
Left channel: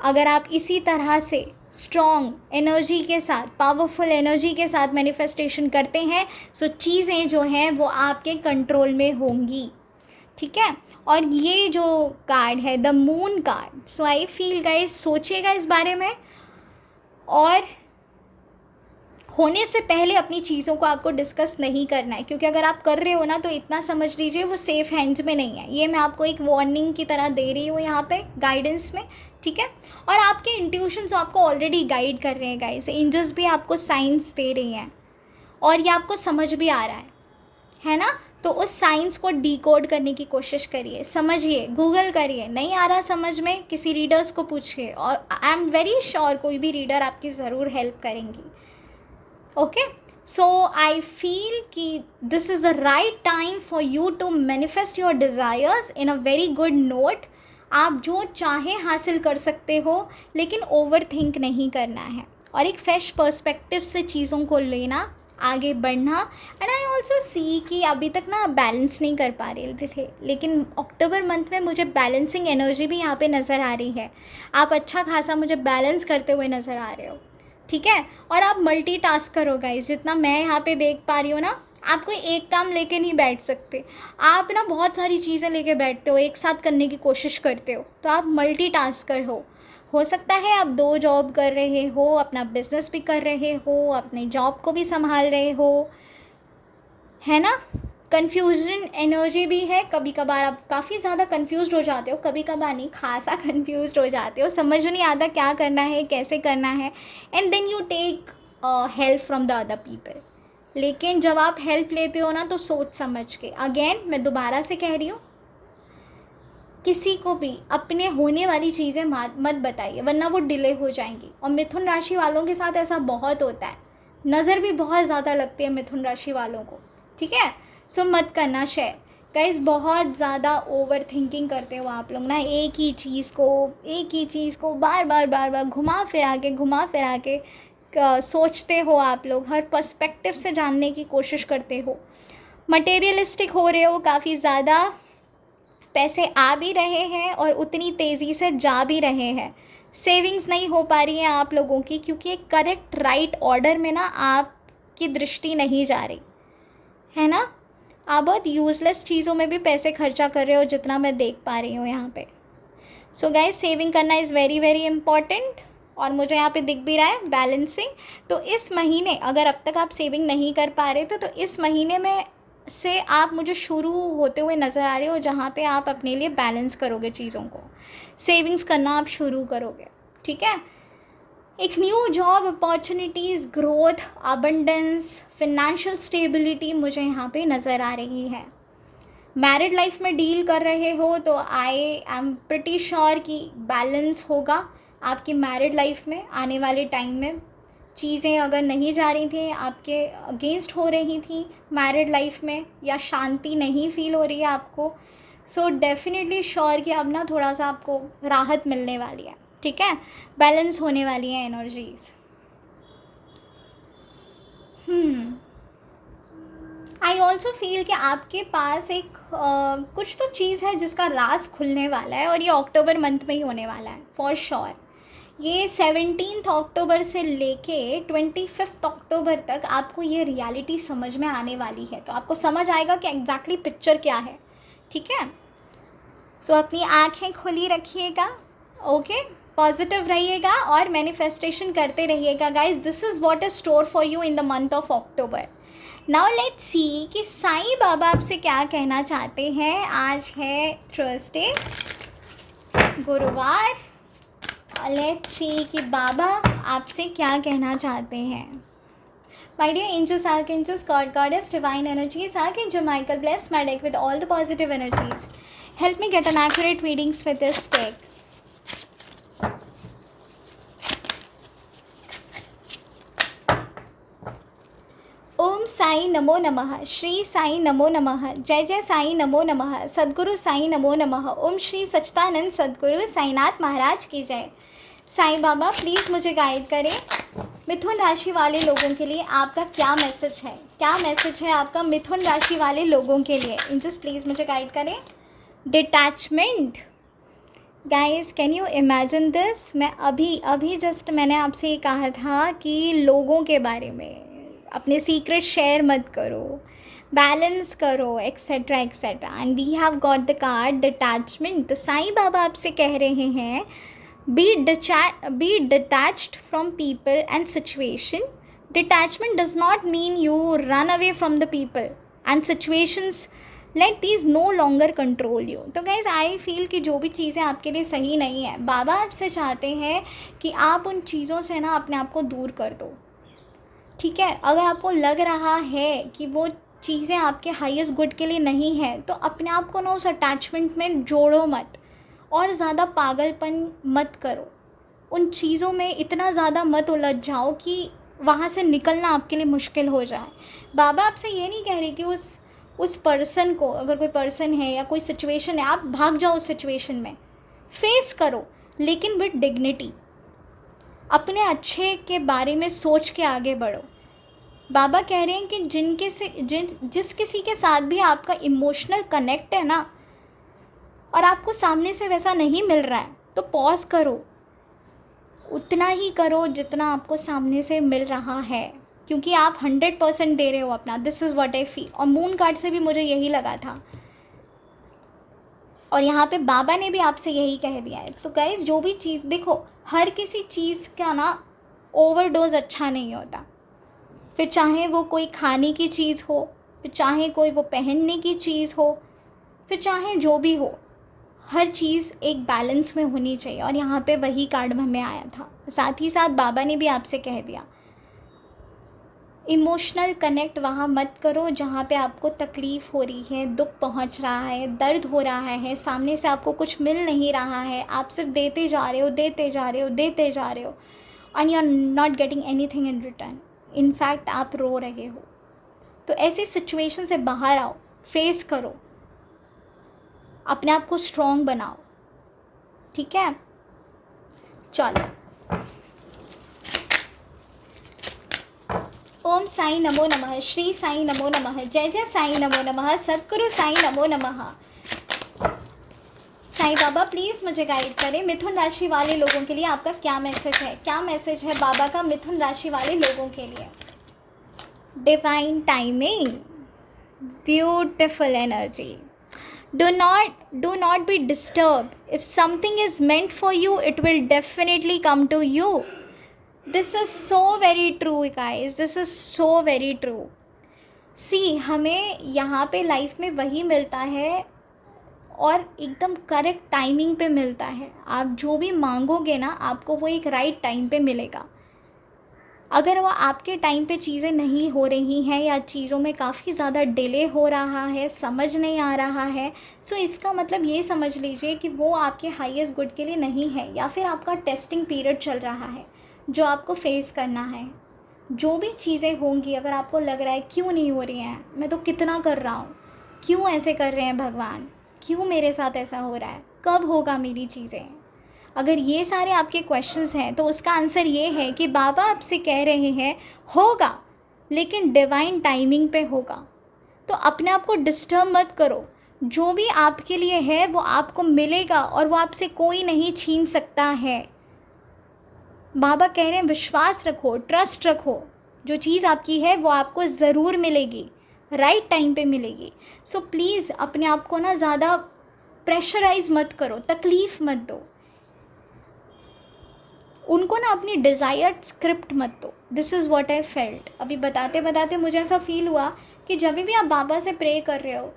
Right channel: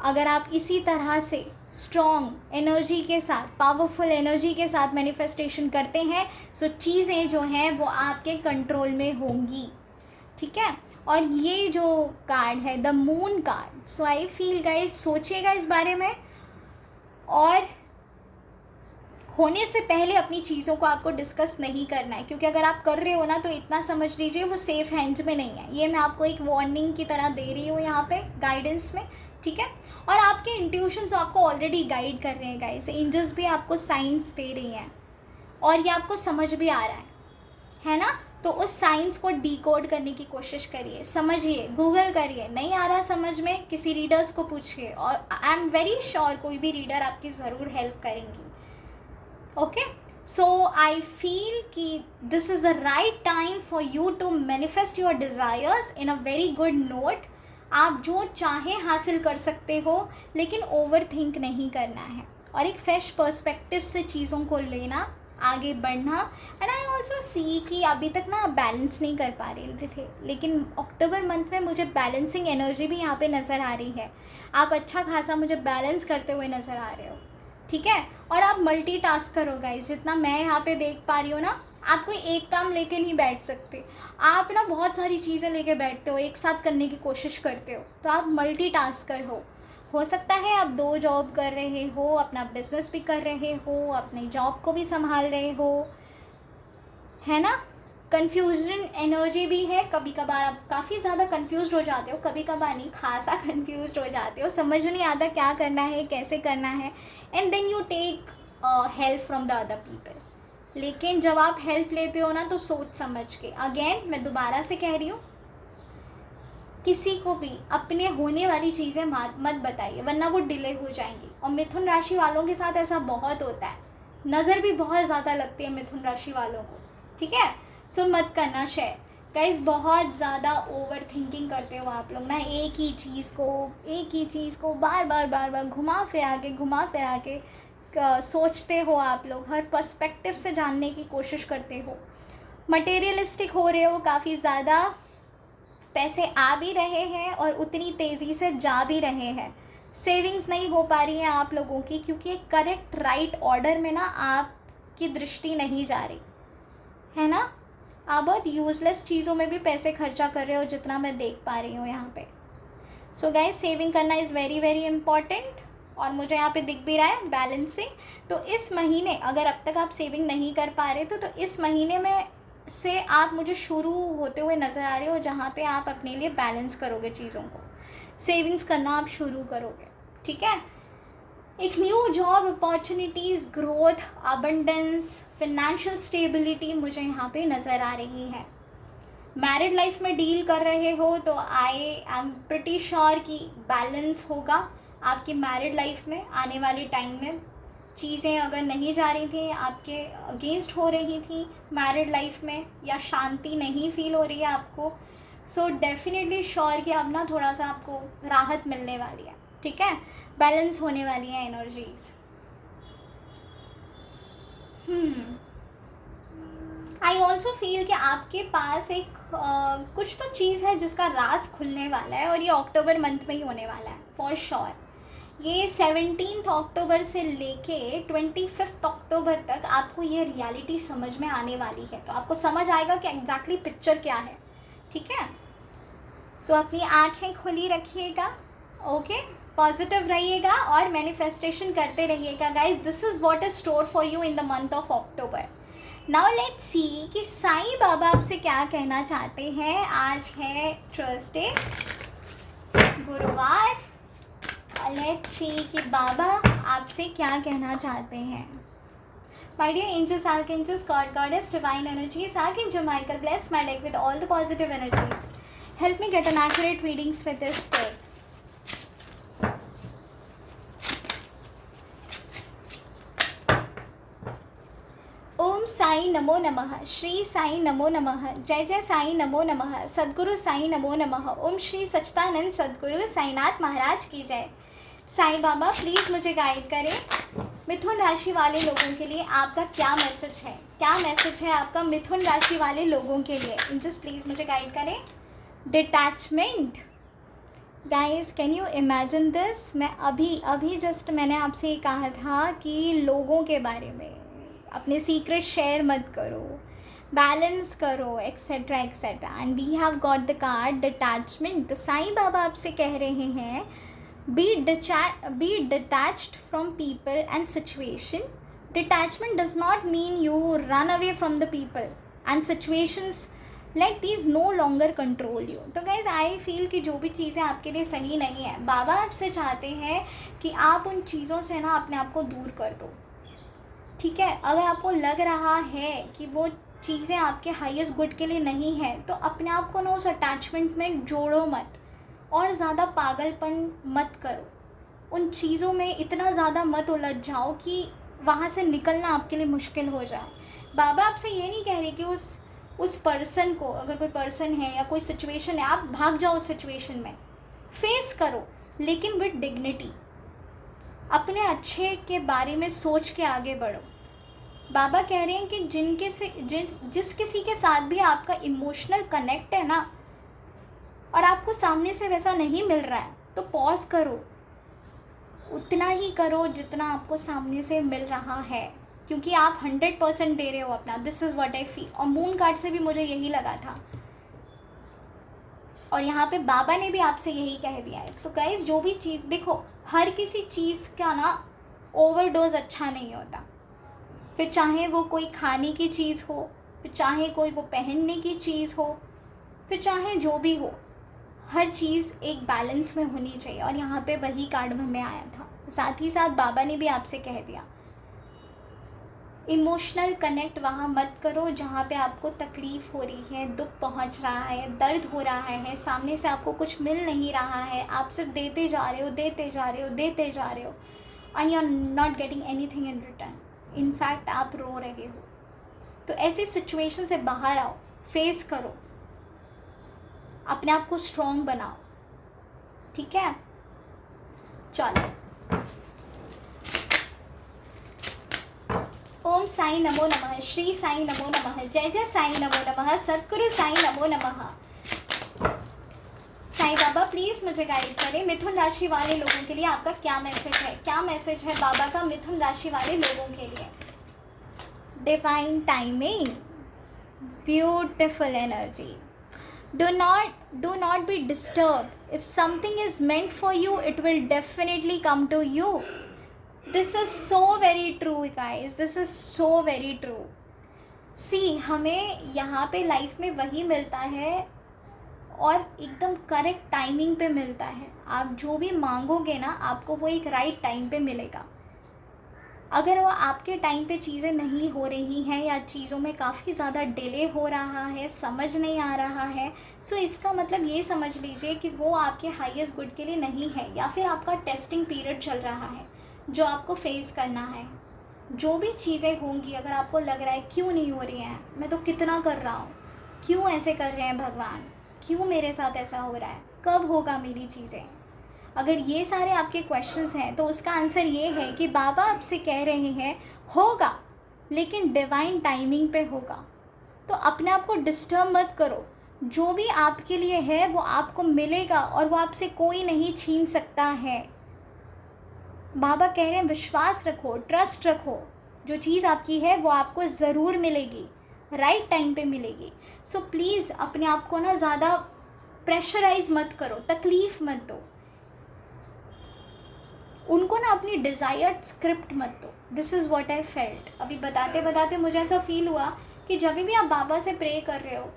अगर आप इसी तरह से स्ट्रॉन्ग एनर्जी के साथ, पावरफुल एनर्जी के साथ मैनिफेस्टेशन करते हैं, सो चीज़ें जो हैं वो आपके कंट्रोल में होंगी, ठीक है। और ये जो कार्ड है the moon card, so I feel guys सोचिएगा इस बारे में, और होने से पहले अपनी चीज़ों को आपको डिस्कस नहीं करना है, क्योंकि अगर आप कर रहे हो ना तो इतना समझ लीजिए वो सेफ़ हैंड्स में नहीं है। ये मैं आपको एक वार्निंग की तरह दे रही हूँ यहाँ पे गाइडेंस में, ठीक है। और आपके इंट्यूशंस आपको ऑलरेडी गाइड कर रहे हैं गाइस, एंजल्स भी आपको साइंस दे रही हैं और ये आपको समझ भी आ रहा है ना। तो उस साइंस को डिकोड करने की कोशिश करिए, समझिए, गूगल करिए, नहीं आ रहा समझ में किसी रीडर्स को पूछिए, और आई एम वेरी श्योर कोई भी रीडर आपकी ज़रूर हेल्प करेंगी। ओके, सो आई फील कि this is the right time for you to manifest your desires in a very good note. आप जो चाहें हासिल कर सकते हो, लेकिन ओवर थिंक नहीं करना है और एक फ्रेश पर्सपेक्टिव से चीज़ों को लेना, आगे बढ़ना। एंड आई ऑल्सो सी कि अभी तक ना बैलेंस नहीं कर पा रहे थे, लेकिन अक्टूबर मंथ में मुझे बैलेंसिंग एनर्जी भी यहाँ पे नज़र आ रही है। आप अच्छा खासा मुझे बैलेंस करते हुए नज़र आ रहे हो, ठीक है। और आप मल्टीटास्क करो गाइस, जितना मैं यहाँ पे देख पा रही हूँ ना, आप कोई एक काम लेके नहीं बैठ सकते, आप ना बहुत सारी चीज़ें लेके बैठते हो, एक साथ करने की कोशिश करते हो, तो आप मल्टीटास्कर हो सकता है आप 2 जॉब कर रहे हो, अपना बिजनेस भी कर रहे हो, अपने जॉब को भी संभाल रहे हो, है ना। कन्फ्यूजन एनर्जी भी है, कभी कभार आप काफ़ी ज़्यादा कन्फ्यूज़ हो जाते हो, कभी कभार नहीं, खासा कन्फ्यूज़ हो जाते हो, समझ नहीं आता क्या करना है, कैसे करना है, and then you take help from the other people. लेकिन जब आप हेल्प लेते हो ना तो सोच समझ के, अगेन मैं दोबारा से कह रही हूँ, किसी को भी अपने होने वाली चीज़ें मत बताइए, वरना वो डिले हो जाएंगी। और मिथुन राशि वालों के साथ ऐसा बहुत होता है, नज़र भी बहुत ज़्यादा लगती है मिथुन राशि वालों को, ठीक है। सो मत करना शेयर गाइस, बहुत ज़्यादा ओवर थिंकिंग करते हो आप लोग ना, एक ही चीज़ को बार बार घुमा फिरा के सोचते हो आप लोग, हर पर्सपेक्टिव से जानने की कोशिश करते हो, मटेरियलिस्टिक हो रहे हो, काफ़ी ज़्यादा पैसे आ भी रहे हैं और उतनी तेज़ी से जा भी रहे हैं। सेविंग्स नहीं हो पा रही है आप लोगों की, क्योंकि एक करेक्ट राइट ऑर्डर में ना आपकी दृष्टि नहीं जा रही है ना। आप बहुत यूज़लेस चीज़ों में भी पैसे खर्चा कर रहे हो, जितना मैं देख पा रही हूँ यहाँ पे। सो गाइस, सेविंग करना इज़ वेरी वेरी इम्पॉर्टेंट, और मुझे यहाँ पे दिख भी रहा है बैलेंसिंग। तो इस महीने अगर अब तक आप सेविंग नहीं कर पा रहे थे, तो इस महीने में से आप मुझे शुरू होते हुए नज़र आ रहे हो, जहाँ पे आप अपने लिए बैलेंस करोगे चीज़ों को, सेविंग्स करना आप शुरू करोगे, ठीक है। एक new job opportunities, growth, abundance, financial stability मुझे यहाँ पे नज़र आ रही है। मैरिड लाइफ में डील कर रहे हो तो आई एम प्रिटी श्योर कि बैलेंस होगा आपकी मैरिड लाइफ में। आने वाले टाइम में चीज़ें अगर नहीं जा रही थी, आपके अगेंस्ट हो रही थी मैरिड लाइफ में, या शांति नहीं फील हो रही है आपको, सो डेफिनेटली श्योर कि अब ना थोड़ा सा आपको राहत मिलने वाली है, ठीक है। बैलेंस होने वाली है एनर्जीज। आई ऑल्सो फील कि आपके पास एक कुछ तो चीज़ है जिसका राज खुलने वाला है, और ये अक्टूबर मंथ में ही होने वाला है फॉर श्योर। ये 17 अक्टूबर से लेके 25 अक्टूबर तक आपको ये रियलिटी समझ में आने वाली है, तो आपको समझ आएगा कि एग्जैक्टली पिक्चर क्या है, ठीक है। सो अपनी आँखें खुली रखिएगा, ओके, पॉजिटिव रहिएगा और मैनिफेस्टेशन करते रहिएगा guys. This is what is store for you in the month of October. Now let's see कि साईं बाबा आपसे क्या कहना चाहते हैं। आज है थर्सडे, गुरुवार। लेट्स सी कि बाबा आपसे क्या कहना चाहते हैं। My dear angels, archangels, god goddess, divine energies, archangel Michael, bless my deck with all the positive energies. Help me get an accurate readings with this deck. ओम साई नमो नमः, श्री साई नमो नमः, जय जय साई नमो नमः, सद्गुरु साई नमो नमः, ओम श्री सच्चिदानंद सद्गुरु साईनाथ महाराज की जय। साईं बाबा प्लीज़ मुझे गाइड करें, मिथुन राशि वाले लोगों के लिए आपका क्या मैसेज है, क्या मैसेज है आपका मिथुन राशि वाले लोगों के लिए। जस्ट प्लीज़ मुझे गाइड करें। Detachment guys, can you imagine this. मैं अभी जस्ट मैंने आपसे ये कहा था कि लोगों के बारे में अपने सीक्रेट शेयर मत करो, बैलेंस करो, etcetera etcetera, and we have got the card detachment. तो साईं बाबा आपसे कह रहे हैं, be detached from people and situation, Detachment does not mean you run away from the people and situations, let these no longer control you. तो guys I feel कि जो भी चीज़ें आपके लिए सही नहीं है, बाबा आपसे चाहते हैं कि आप उन चीज़ों से ना अपने आप को दूर कर दो, ठीक है। अगर आपको लग रहा है कि वो चीज़ें आपके हाईएस्ट गुड के लिए नहीं है, तो अपने आप को ना उस अटैचमेंट में जोड़ो मत, और ज़्यादा पागलपन मत करो, उन चीज़ों में इतना ज़्यादा मत उलझ जाओ कि वहाँ से निकलना आपके लिए मुश्किल हो जाए। बाबा आपसे ये नहीं कह रहे कि उस पर्सन को, अगर कोई पर्सन है या कोई सिचुएशन है, आप भाग जाओ उस सिचुएशन में, फेस करो, लेकिन विद डिग्निटी, अपने अच्छे के बारे में सोच के आगे बढ़ो। बाबा कह रहे हैं कि जिस किसी के साथ भी आपका इमोशनल कनेक्ट है ना, और आपको सामने से वैसा नहीं मिल रहा है, तो पॉज करो, उतना ही करो जितना आपको सामने से मिल रहा है, क्योंकि आप 100% दे रहे हो अपना। This is what I feel. और मून कार्ड से भी मुझे यही लगा था, और यहाँ पे बाबा ने भी आपसे यही कह दिया है। तो गाइस, जो भी चीज़ देखो, हर किसी चीज़ का ना ओवरडोज अच्छा नहीं होता, फिर चाहे वो कोई खाने की चीज़ हो, फिर चाहे कोई वो पहनने की चीज़ हो, फिर चाहे जो भी हो, हर चीज़ एक बैलेंस में होनी चाहिए। और यहाँ पे वही कार्ड हमें आया था। साथ ही साथ बाबा ने भी आपसे कह दिया, इमोशनल कनेक्ट वहाँ मत करो जहाँ पे आपको तकलीफ़ हो रही है, दुख पहुँच रहा है, दर्द हो रहा है, सामने से आपको कुछ मिल नहीं रहा है, आप सिर्फ देते जा रहे हो, देते जा रहे हो, देते जा रहे हो, and you are not getting anything in return. In fact आप रो रहे हो। तो ऐसी सिचुएशन से बाहर आओ, फेस करो, अपने आप को स्ट्रॉन्ग बनाओ, ठीक है। चलो, ओम साई नमो नमः, श्री साई नमो नमः, जय जय साई नमो नमः, सद्गुरु साई नमो नमः। साईं बाबा प्लीज़ मुझे गाइड करें, मिथुन राशि वाले लोगों के लिए आपका क्या मैसेज है, क्या मैसेज है बाबा का मिथुन राशि वाले लोगों के लिए। Divine timing, beautiful energy. Do not be disturbed. If something is meant for you, it will definitely come to you. This is so very true, guys. This is so very true. See, हमें यहाँ पे life में वही मिलता है, और एकदम correct timing पे मिलता है। आप जो भी मांगोगे ना, आपको वो एक राइट टाइम पे मिलेगा। अगर वो आपके टाइम पे चीज़ें नहीं हो रही हैं, या चीज़ों में काफ़ी ज़्यादा डिले हो रहा है, समझ नहीं आ रहा है, सो इसका मतलब ये समझ लीजिए कि वो आपके हाईएस्ट गुड के लिए नहीं है, या फिर आपका टेस्टिंग पीरियड चल रहा है जो आपको फेस करना है। जो भी चीज़ें होंगी, अगर आपको लग रहा है क्यों नहीं हो रही हैं, मैं तो कितना कर रहा हूँ, क्यों ऐसे कर रहे हैं भगवान, क्यों मेरे साथ ऐसा हो रहा है, कब होगा मेरी चीज़ें, अगर ये सारे आपके क्वेश्चंस हैं, तो उसका आंसर ये है कि बाबा आपसे कह रहे हैं होगा, लेकिन डिवाइन टाइमिंग पे होगा। तो अपने आप को डिस्टर्ब मत करो, जो भी आपके लिए है वो आपको मिलेगा, और वो आपसे कोई नहीं छीन सकता है। बाबा कह रहे हैं विश्वास रखो, ट्रस्ट रखो, जो चीज़ आपकी है वो आपको ज़रूर मिलेगी, राइट टाइम पे मिलेगी। सो प्लीज़ अपने आप को ना ज़्यादा प्रेशराइज मत करो, तकलीफ़ मत दो उनको ना, अपनी डिज़ायर्ड स्क्रिप्ट मत दो। This is what I felt. अभी बताते बताते मुझे ऐसा फील हुआ कि जब भी आप बाबा से प्रे कर रहे हो,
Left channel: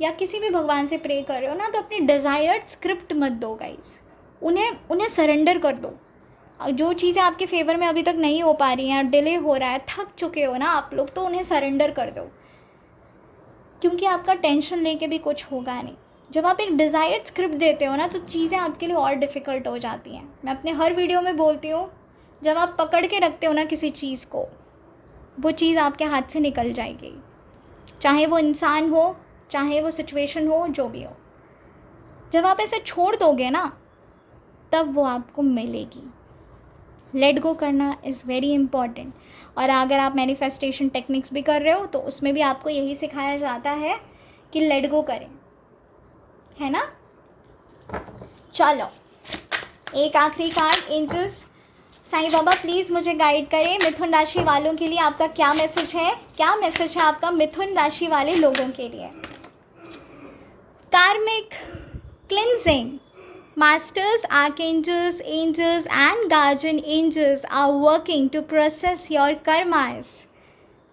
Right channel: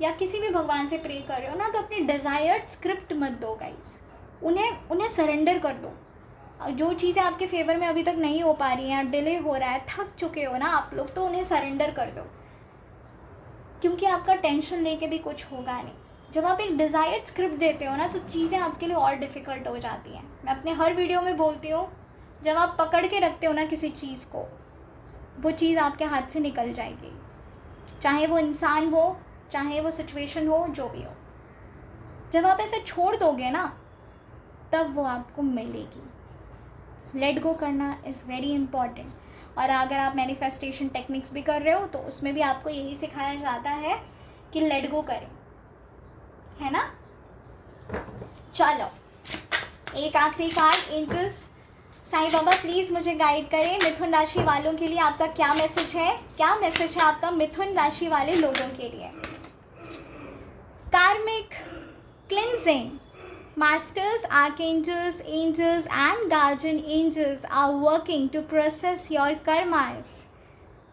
या किसी भी भगवान से प्रे कर रहे हो ना, तो अपनी डिज़ायर्ड स्क्रिप्ट मत दो गाइस, उन्हें सरेंडर कर दो। जो चीज़ें आपके फेवर में अभी तक नहीं हो पा रही हैं, डिले हो रहा है, थक चुके हो ना आप लोग, तो उन्हें सरेंडर कर दो, क्योंकि आपका टेंशन लेके भी कुछ होगा नहीं। जब आप एक डिज़ायर्ड स्क्रिप्ट देते हो ना, तो चीज़ें आपके लिए और डिफ़िकल्ट हो जाती हैं। मैं अपने हर वीडियो में बोलती हूँ, जब आप पकड़ के रखते हो ना किसी चीज़ को, वो चीज़ आपके हाथ से निकल जाएगी, चाहे वो इंसान हो, चाहे वो सिचुएशन हो, जो भी हो। जब आप ऐसे छोड़ दोगे ना, तब वो आपको मिलेगी। लेट गो करना इज़ वेरी इम्पॉर्टेंट। और अगर आप मैनिफेस्टेशन टेक्निक्स भी कर रहे हो, तो उसमें भी आपको यही सिखाया जाता है कि लेट गो करें, है ना। चलो, एक आखिरी card, angels. Sai Baba please मुझे गाइड करें, मिथुन राशि वालों के लिए आपका क्या मैसेज है, क्या मैसेज है आपका मिथुन राशि वाले लोगों के लिए। कार्मिक cleansing, Masters, archangels, angels and guardian angels are working to process your karmas.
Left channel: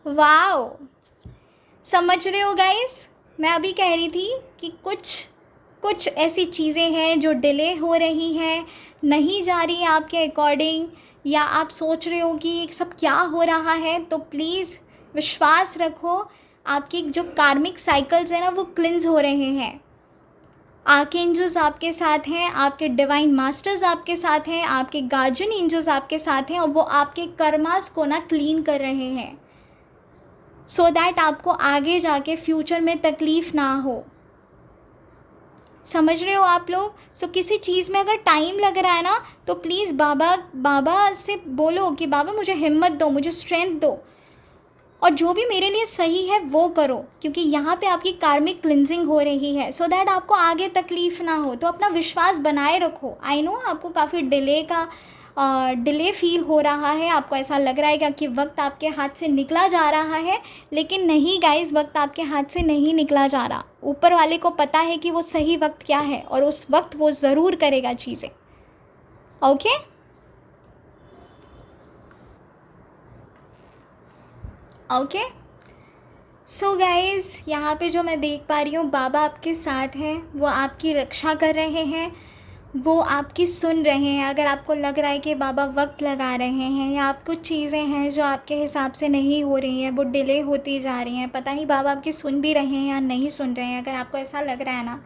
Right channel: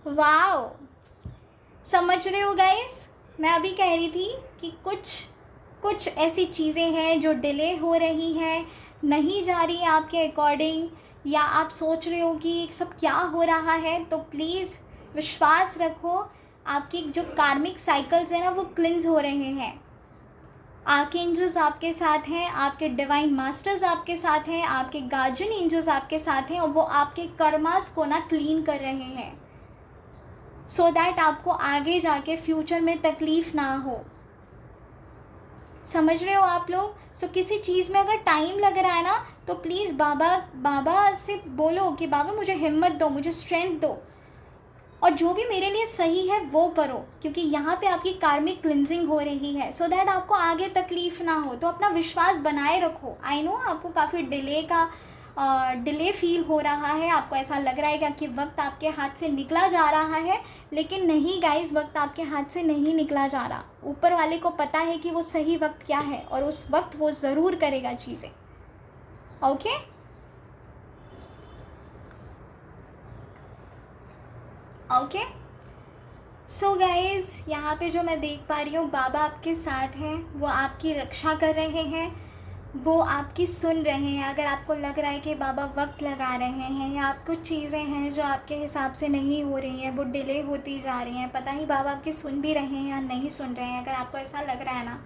Wow! समझ रहे हो गाइस? मैं अभी कह रही थी कि कुछ ऐसी चीज़ें हैं जो डिले हो रही हैं, नहीं जा रही है आपके अकॉर्डिंग, या आप सोच रहे हो कि ये सब क्या हो रहा है, तो प्लीज़ विश्वास रखो, आपकी जो कार्मिक साइकिल्स हैं ना वो क्लिंज हो रहे हैं। आर्कएंजल्स आपके साथ हैं, आपके डिवाइन मास्टर्स आपके साथ हैं, आपके गार्जियन एंजल्स आपके साथ हैं, और वो आपके कर्मास को ना क्लीन कर रहे हैं, सो दैट आपको आगे जाके फ्यूचर में तकलीफ़ ना हो। समझ रहे हो आप लोग? सो किसी चीज़ में अगर टाइम लग रहा है ना, तो प्लीज़ बाबा से बोलो कि बाबा मुझे हिम्मत दो, मुझे स्ट्रेंथ दो, और जो भी मेरे लिए सही है वो करो, क्योंकि यहाँ पे आपकी कार्मिक क्लिनजिंग हो रही है, सो दैट आपको आगे तकलीफ़ ना हो। तो अपना विश्वास बनाए रखो। आई नो आपको काफ़ी डिले फील हो रहा है, आपको ऐसा लग रहा है कि वक्त आपके हाथ से निकला जा रहा है, लेकिन नहीं गाइस, वक्त आपके हाथ से नहीं निकला जा रहा। ऊपर वाले को पता है कि वो सही वक्त क्या है, और उस वक्त वो ज़रूर करेगा चीज़ें। ओके? ओके, सो गाइज़, यहाँ पे जो मैं देख पा रही हूँ, बाबा आपके साथ हैं, वो आपकी रक्षा कर रहे हैं, वो आपकी सुन रहे हैं। अगर आपको लग रहा है कि बाबा वक्त लगा रहे हैं, या आप कुछ चीज़ें हैं जो आपके हिसाब से नहीं हो रही हैं, वो डिले होती जा रही हैं, पता नहीं बाबा आपकी सुन भी रहे हैं या नहीं सुन रहे हैं, अगर आपको ऐसा लग रहा है ना,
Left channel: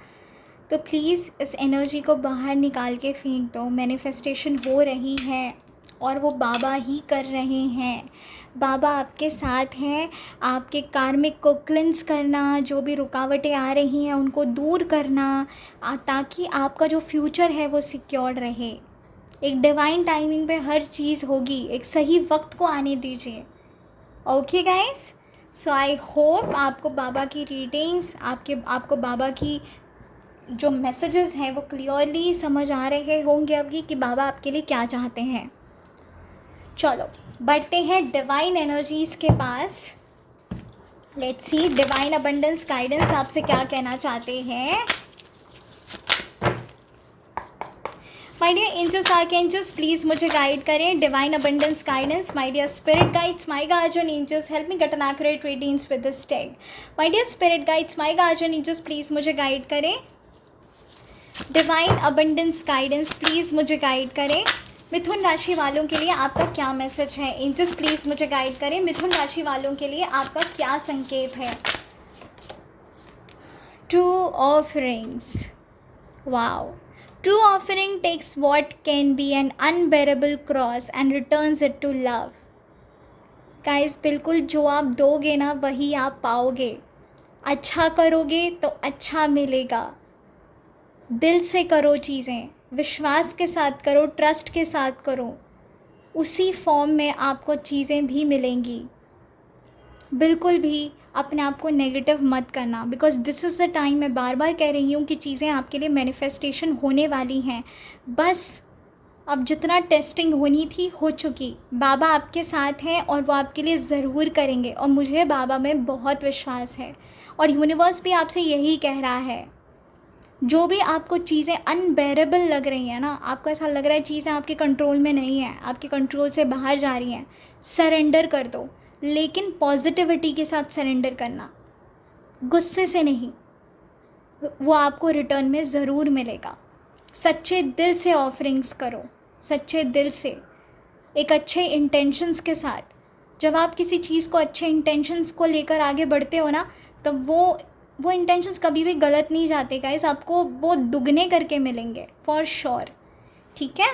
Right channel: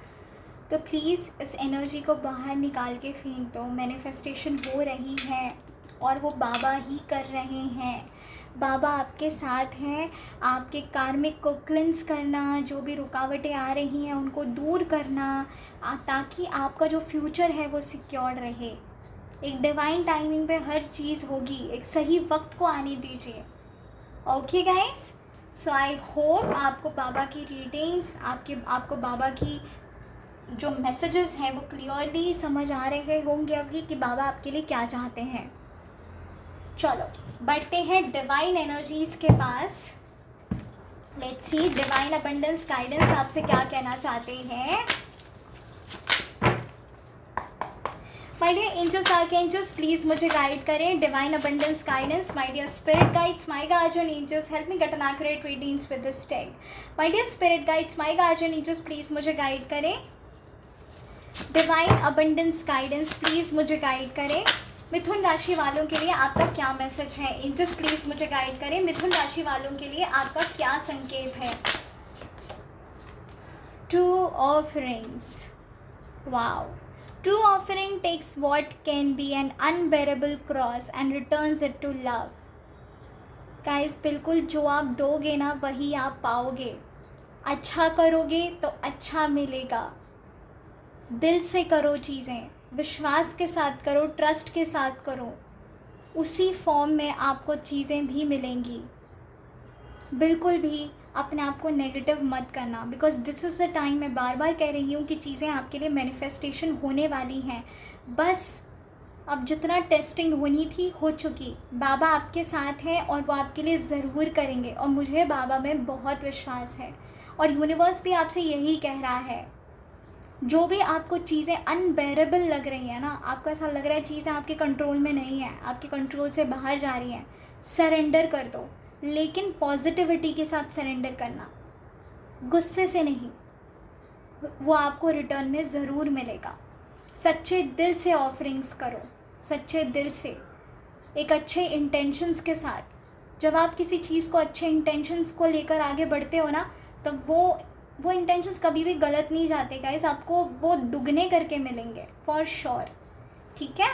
तो प्लीज़ इस एनर्जी को बाहर निकाल के फेंक दो। मैनिफेस्टेशन हो रही है, और वो बाबा ही कर रहे हैं। बाबा आपके साथ हैं, आपके कार्मिक को क्लिंस करना, जो भी रुकावटें आ रही हैं उनको दूर करना, ताकि आपका जो फ्यूचर है वो सिक्योर्ड रहे। एक डिवाइन टाइमिंग पे हर चीज़ होगी, एक सही वक्त को आने दीजिए। Okay guys, so I hope आपको बाबा की रीडिंग्स, आपको बाबा की जो मैसेजेस हैं वो क्लियरली समझ आ रहे होंगे अभी कि बाबा आपके लिए क्या चाहते हैं। चलो बढ़ते हैं डिवाइन एनर्जीज़ के पास। Let's see divine abundance guidance आपसे क्या कहना चाहते हैं। My dear angels, archangels, please मुझे गाइड करें। Divine abundance guidance, my dear spirit guides, my guardian angels, help me get an accurate readings with this tag. My dear spirit guides, my guardian angels, please मुझे guide करें। Divine abundance guidance, please मुझे guide करें। मिथुन राशि वालों के लिए आपका क्या मैसेज है? एंजल्स प्लीज़ मुझे गाइड करें। मिथुन राशि वालों के लिए आपका क्या संकेत है? True offerings, wow. True offering takes what can be an unbearable cross and returns it to love. Guys, बिल्कुल जो आप दोगे ना वही आप पाओगे। अच्छा करोगे तो अच्छा मिलेगा। दिल से करो चीज़ें, विश्वास के साथ करो, ट्रस्ट के साथ करो, उसी फॉर्म में आपको चीज़ें भी मिलेंगी। बिल्कुल भी अपने आप को नेगेटिव मत करना, because this is the time. मैं बार बार कह रही हूँ कि चीज़ें आपके लिए मैनिफेस्टेशन होने वाली हैं। बस अब जितना टेस्टिंग होनी थी हो चुकी। बाबा आपके साथ हैं और वो आपके लिए ज़रूर करेंगे, और मुझे बाबा में बहुत विश्वास है, और यूनिवर्स भी आपसे यही कह रहा है। जो भी आपको चीज़ें अनबेरेबल लग रही हैं ना, आपको ऐसा लग रहा है चीज़ें आपके कंट्रोल में नहीं है, आपके कंट्रोल से बाहर जा रही हैं, सरेंडर कर दो, लेकिन पॉजिटिविटी के साथ सरेंडर करना, गुस्से से नहीं। वो आपको रिटर्न में ज़रूर मिलेगा। सच्चे दिल से ऑफरिंग्स करो, सच्चे दिल से, एक अच्छे इंटेंशंस के साथ। जब आप किसी चीज़ को अच्छे इंटेंशंस को लेकर आगे बढ़ते हो ना, तब वो इंटेंशंस कभी भी गलत नहीं जाते गाइस, आपको वो दुगने करके मिलेंगे फॉर श्योर। ठीक है,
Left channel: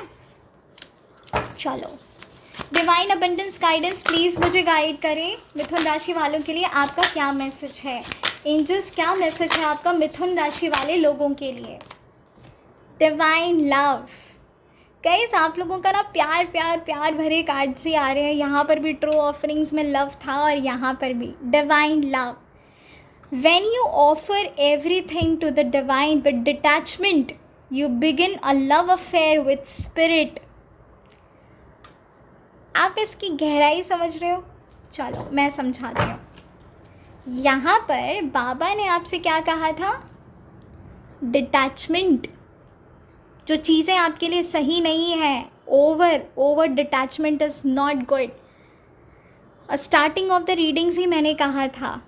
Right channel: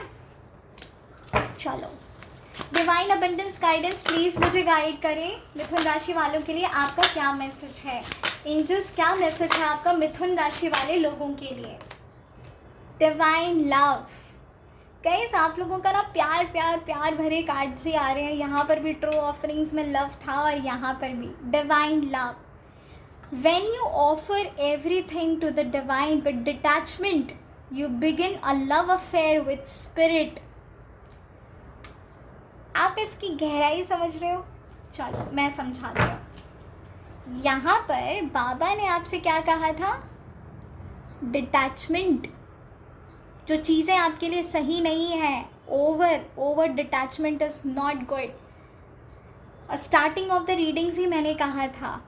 चलो डिवाइन अबंडेंस गाइडेंस प्लीज़ मुझे गाइड करें। मिथुन राशि वालों के लिए आपका क्या मैसेज है? एंजल्स, क्या मैसेज है आपका मिथुन राशि वाले लोगों के लिए? डिवाइन लव, गाइस आप लोगों का ना प्यार प्यार प्यार भरे कार्ड्स ही आ रहे हैं। यहाँ पर भी ट्रू ऑफरिंग्स में लव था, और यहाँ पर भी divine love. When you offer everything to the divine with detachment, you begin a love affair with spirit. आप इसकी गहराई समझ रहे हो? चलो मैं समझाती हूँ। यहाँ पर बाबा ने आपसे क्या कहा था? डिटैचमेंट। जो चीज़ें आपके लिए सही नहीं हैं, over detachment is not good. Starting of the readings ही मैंने कहा था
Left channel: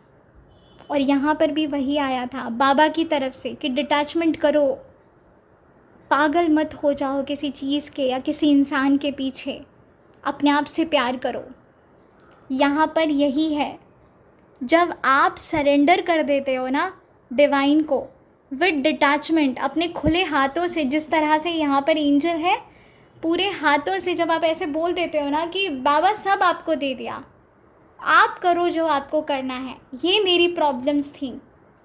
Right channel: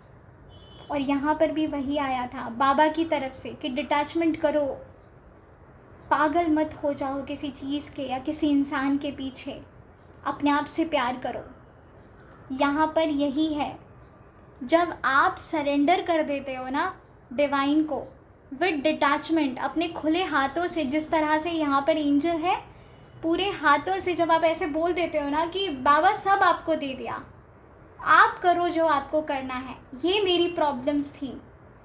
और यहाँ पर भी वही आया था बाबा की तरफ से कि डिटैचमेंट करो, पागल मत हो जाओ किसी चीज़ के या किसी इंसान के पीछे, अपने आप से प्यार करो। यहाँ पर यही है, जब आप सरेंडर कर देते हो ना डिवाइन को विद डिटैचमेंट, अपने खुले हाथों से, जिस तरह से यहाँ पर एंजल है, पूरे हाथों से जब आप ऐसे बोल देते हो ना कि बाबा सब आपको दे दिया, आप करो जो आपको करना है, ये मेरी प्रॉब्लम्स थी,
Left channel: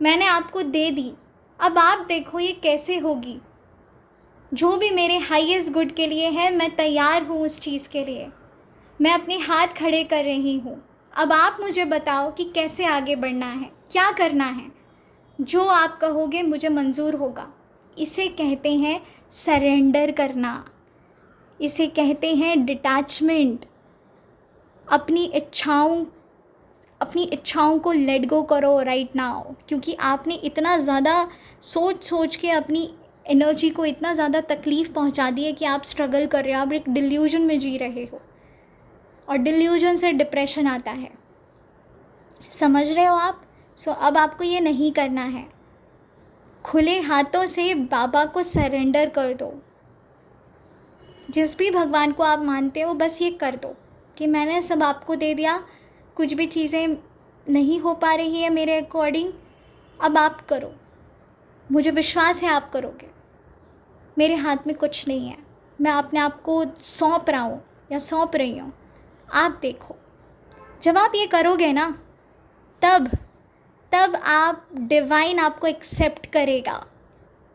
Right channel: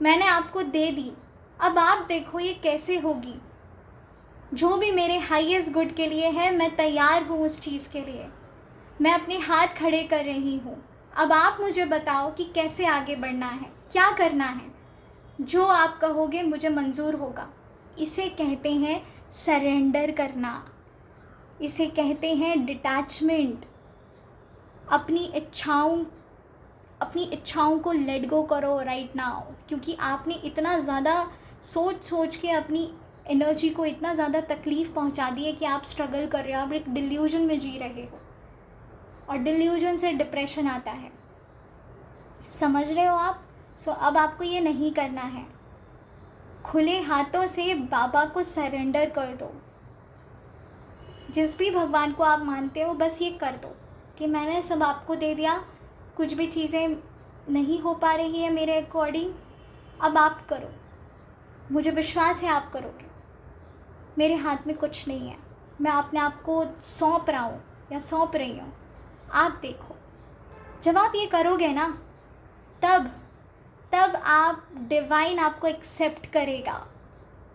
मैंने आपको दे दी, अब आप देखो ये कैसे होगी, जो भी मेरे हाईएस्ट गुड के लिए है मैं तैयार हूँ उस चीज़ के लिए, मैं अपने हाथ खड़े कर रही हूँ, अब आप मुझे बताओ कि कैसे आगे बढ़ना है, क्या करना है, जो आप कहोगे मुझे मंजूर होगा। इसे कहते हैं सरेंडर करना, इसे कहते हैं डिटैचमेंट। अपनी इच्छाओं को लेट गो करो राइट नाउ, क्योंकि आपने इतना ज़्यादा सोच के अपनी एनर्जी को इतना ज़्यादा तकलीफ़ पहुंचा दी है कि आप स्ट्रगल कर रहे हो, आप एक डिल्यूजन में जी रहे हो और डिल्यूजन से डिप्रेशन आता है, समझ रहे हो आप। सो अब आपको ये नहीं करना है, खुले हाथों से बाबा को सरेंडर कर दो। जिस भी भगवान को आप मानते हो बस ये कर दो कि मैंने सब आपको दे दिया, कुछ भी चीज़ें नहीं हो पा रही है मेरे अकॉर्डिंग, अब आप करो, मुझे विश्वास है आप करोगे, मेरे हाथ में कुछ नहीं है, मैं अपने आप को सौंप रहा हूँ या सौंप रही हूँ, आप देखो। जब आप ये करोगे ना तब आप डिवाइन आपको एक्सेप्ट करेगा,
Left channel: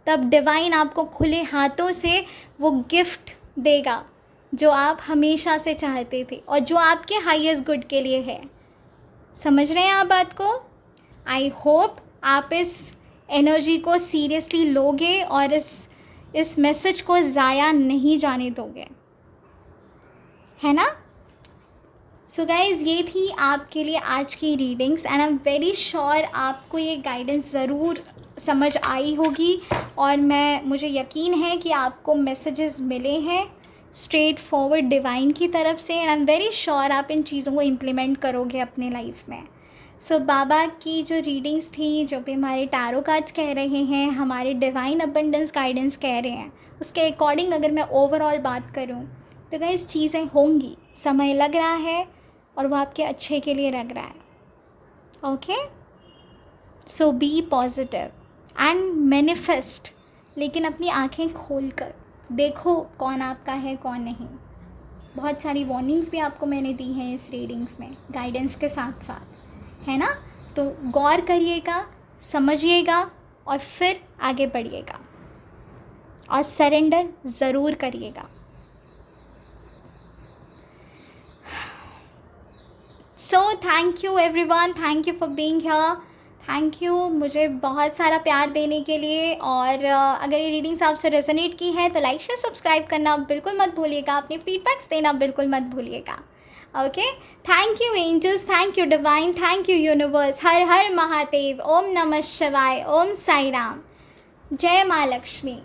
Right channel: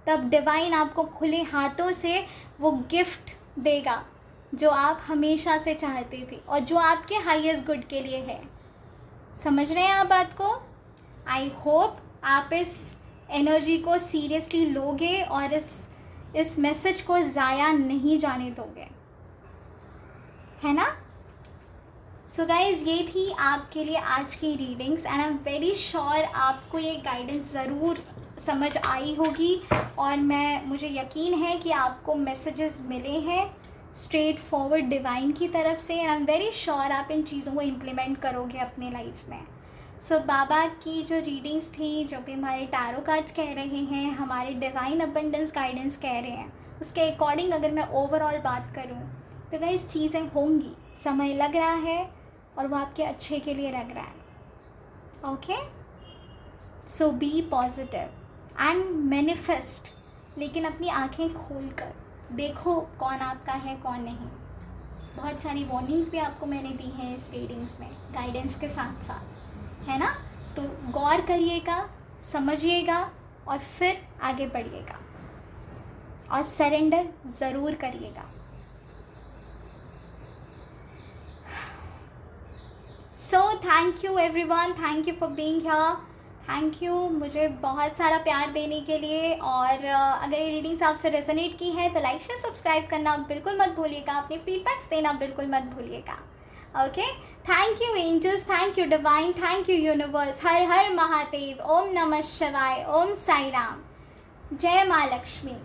तब डिवाइन आपको खुले हाथों से वो गिफ्ट देगा जो आप हमेशा से चाहते थे और जो आपके हाईएस्ट गुड के लिए है। समझ रहे हैं आप बात को। आई होप आप इस एनर्जी को सीरियसली लोगे और इस मैसेज को ज़ाया नहीं जाने दोगे, है ना। सो गाइज़, ये थी आपके लिए आज की readings and I am very sure आपको ये गाइडेंस ज़रूर समझ आई होगी और मुझे यकीन है कि आपको मैसेजेस मिले हैं स्ट्रेट फॉरवर्ड डिवाइन की तरफ से and I am very sure आप इन चीज़ों को इम्प्लीमेंट करोगे अपने लाइफ में। सो बाबा की जो रीडिंग्स थी, जो भी हमारे टैरो कार्ड्स कह रहे हैं, हमारे डिवाइन अबंडेंस गाइडेंस कह रहे हैं, उसके अकॉर्डिंग अगर मैं ओवरऑल बात करूँ तो गाइस चीज़ें होंगी, समय लग रहा है और वो आपके अच्छे के लिए लग रहा है। Okay, so be positive and manifest, लेकिन अपनी आंखें खोल कर देखो कौन आपका है कौन नहीं। बहुत सारी वार्निंग्स भी आपको मैंने दी हैं इस रीडिंग्स में गाइडेंस के साथ साथ, है ना। तो गौर करिएगा, समझिएगा और फिर आगे बढ़िएगा और सरेंडर ज़रूर करिएगा। So thank you everyone, thank you for being here, thank you मुझे बहुत सारा प्यार देने के लिए। और अगर ये रीडिंग्स आपसे रेजोनेट की है तो लाइक शेयर सब्सक्राइब करना बिल्कुल मत भूलिएगा, अपने फीडबैक्स देना बिल्कुल मत भूलिएगा। Okay, thank you angels, thank you divine, thank you universe. हर हर महादेव, ओम नमः शिवाय, ओम साई राम, जय माँ लक्ष्मी।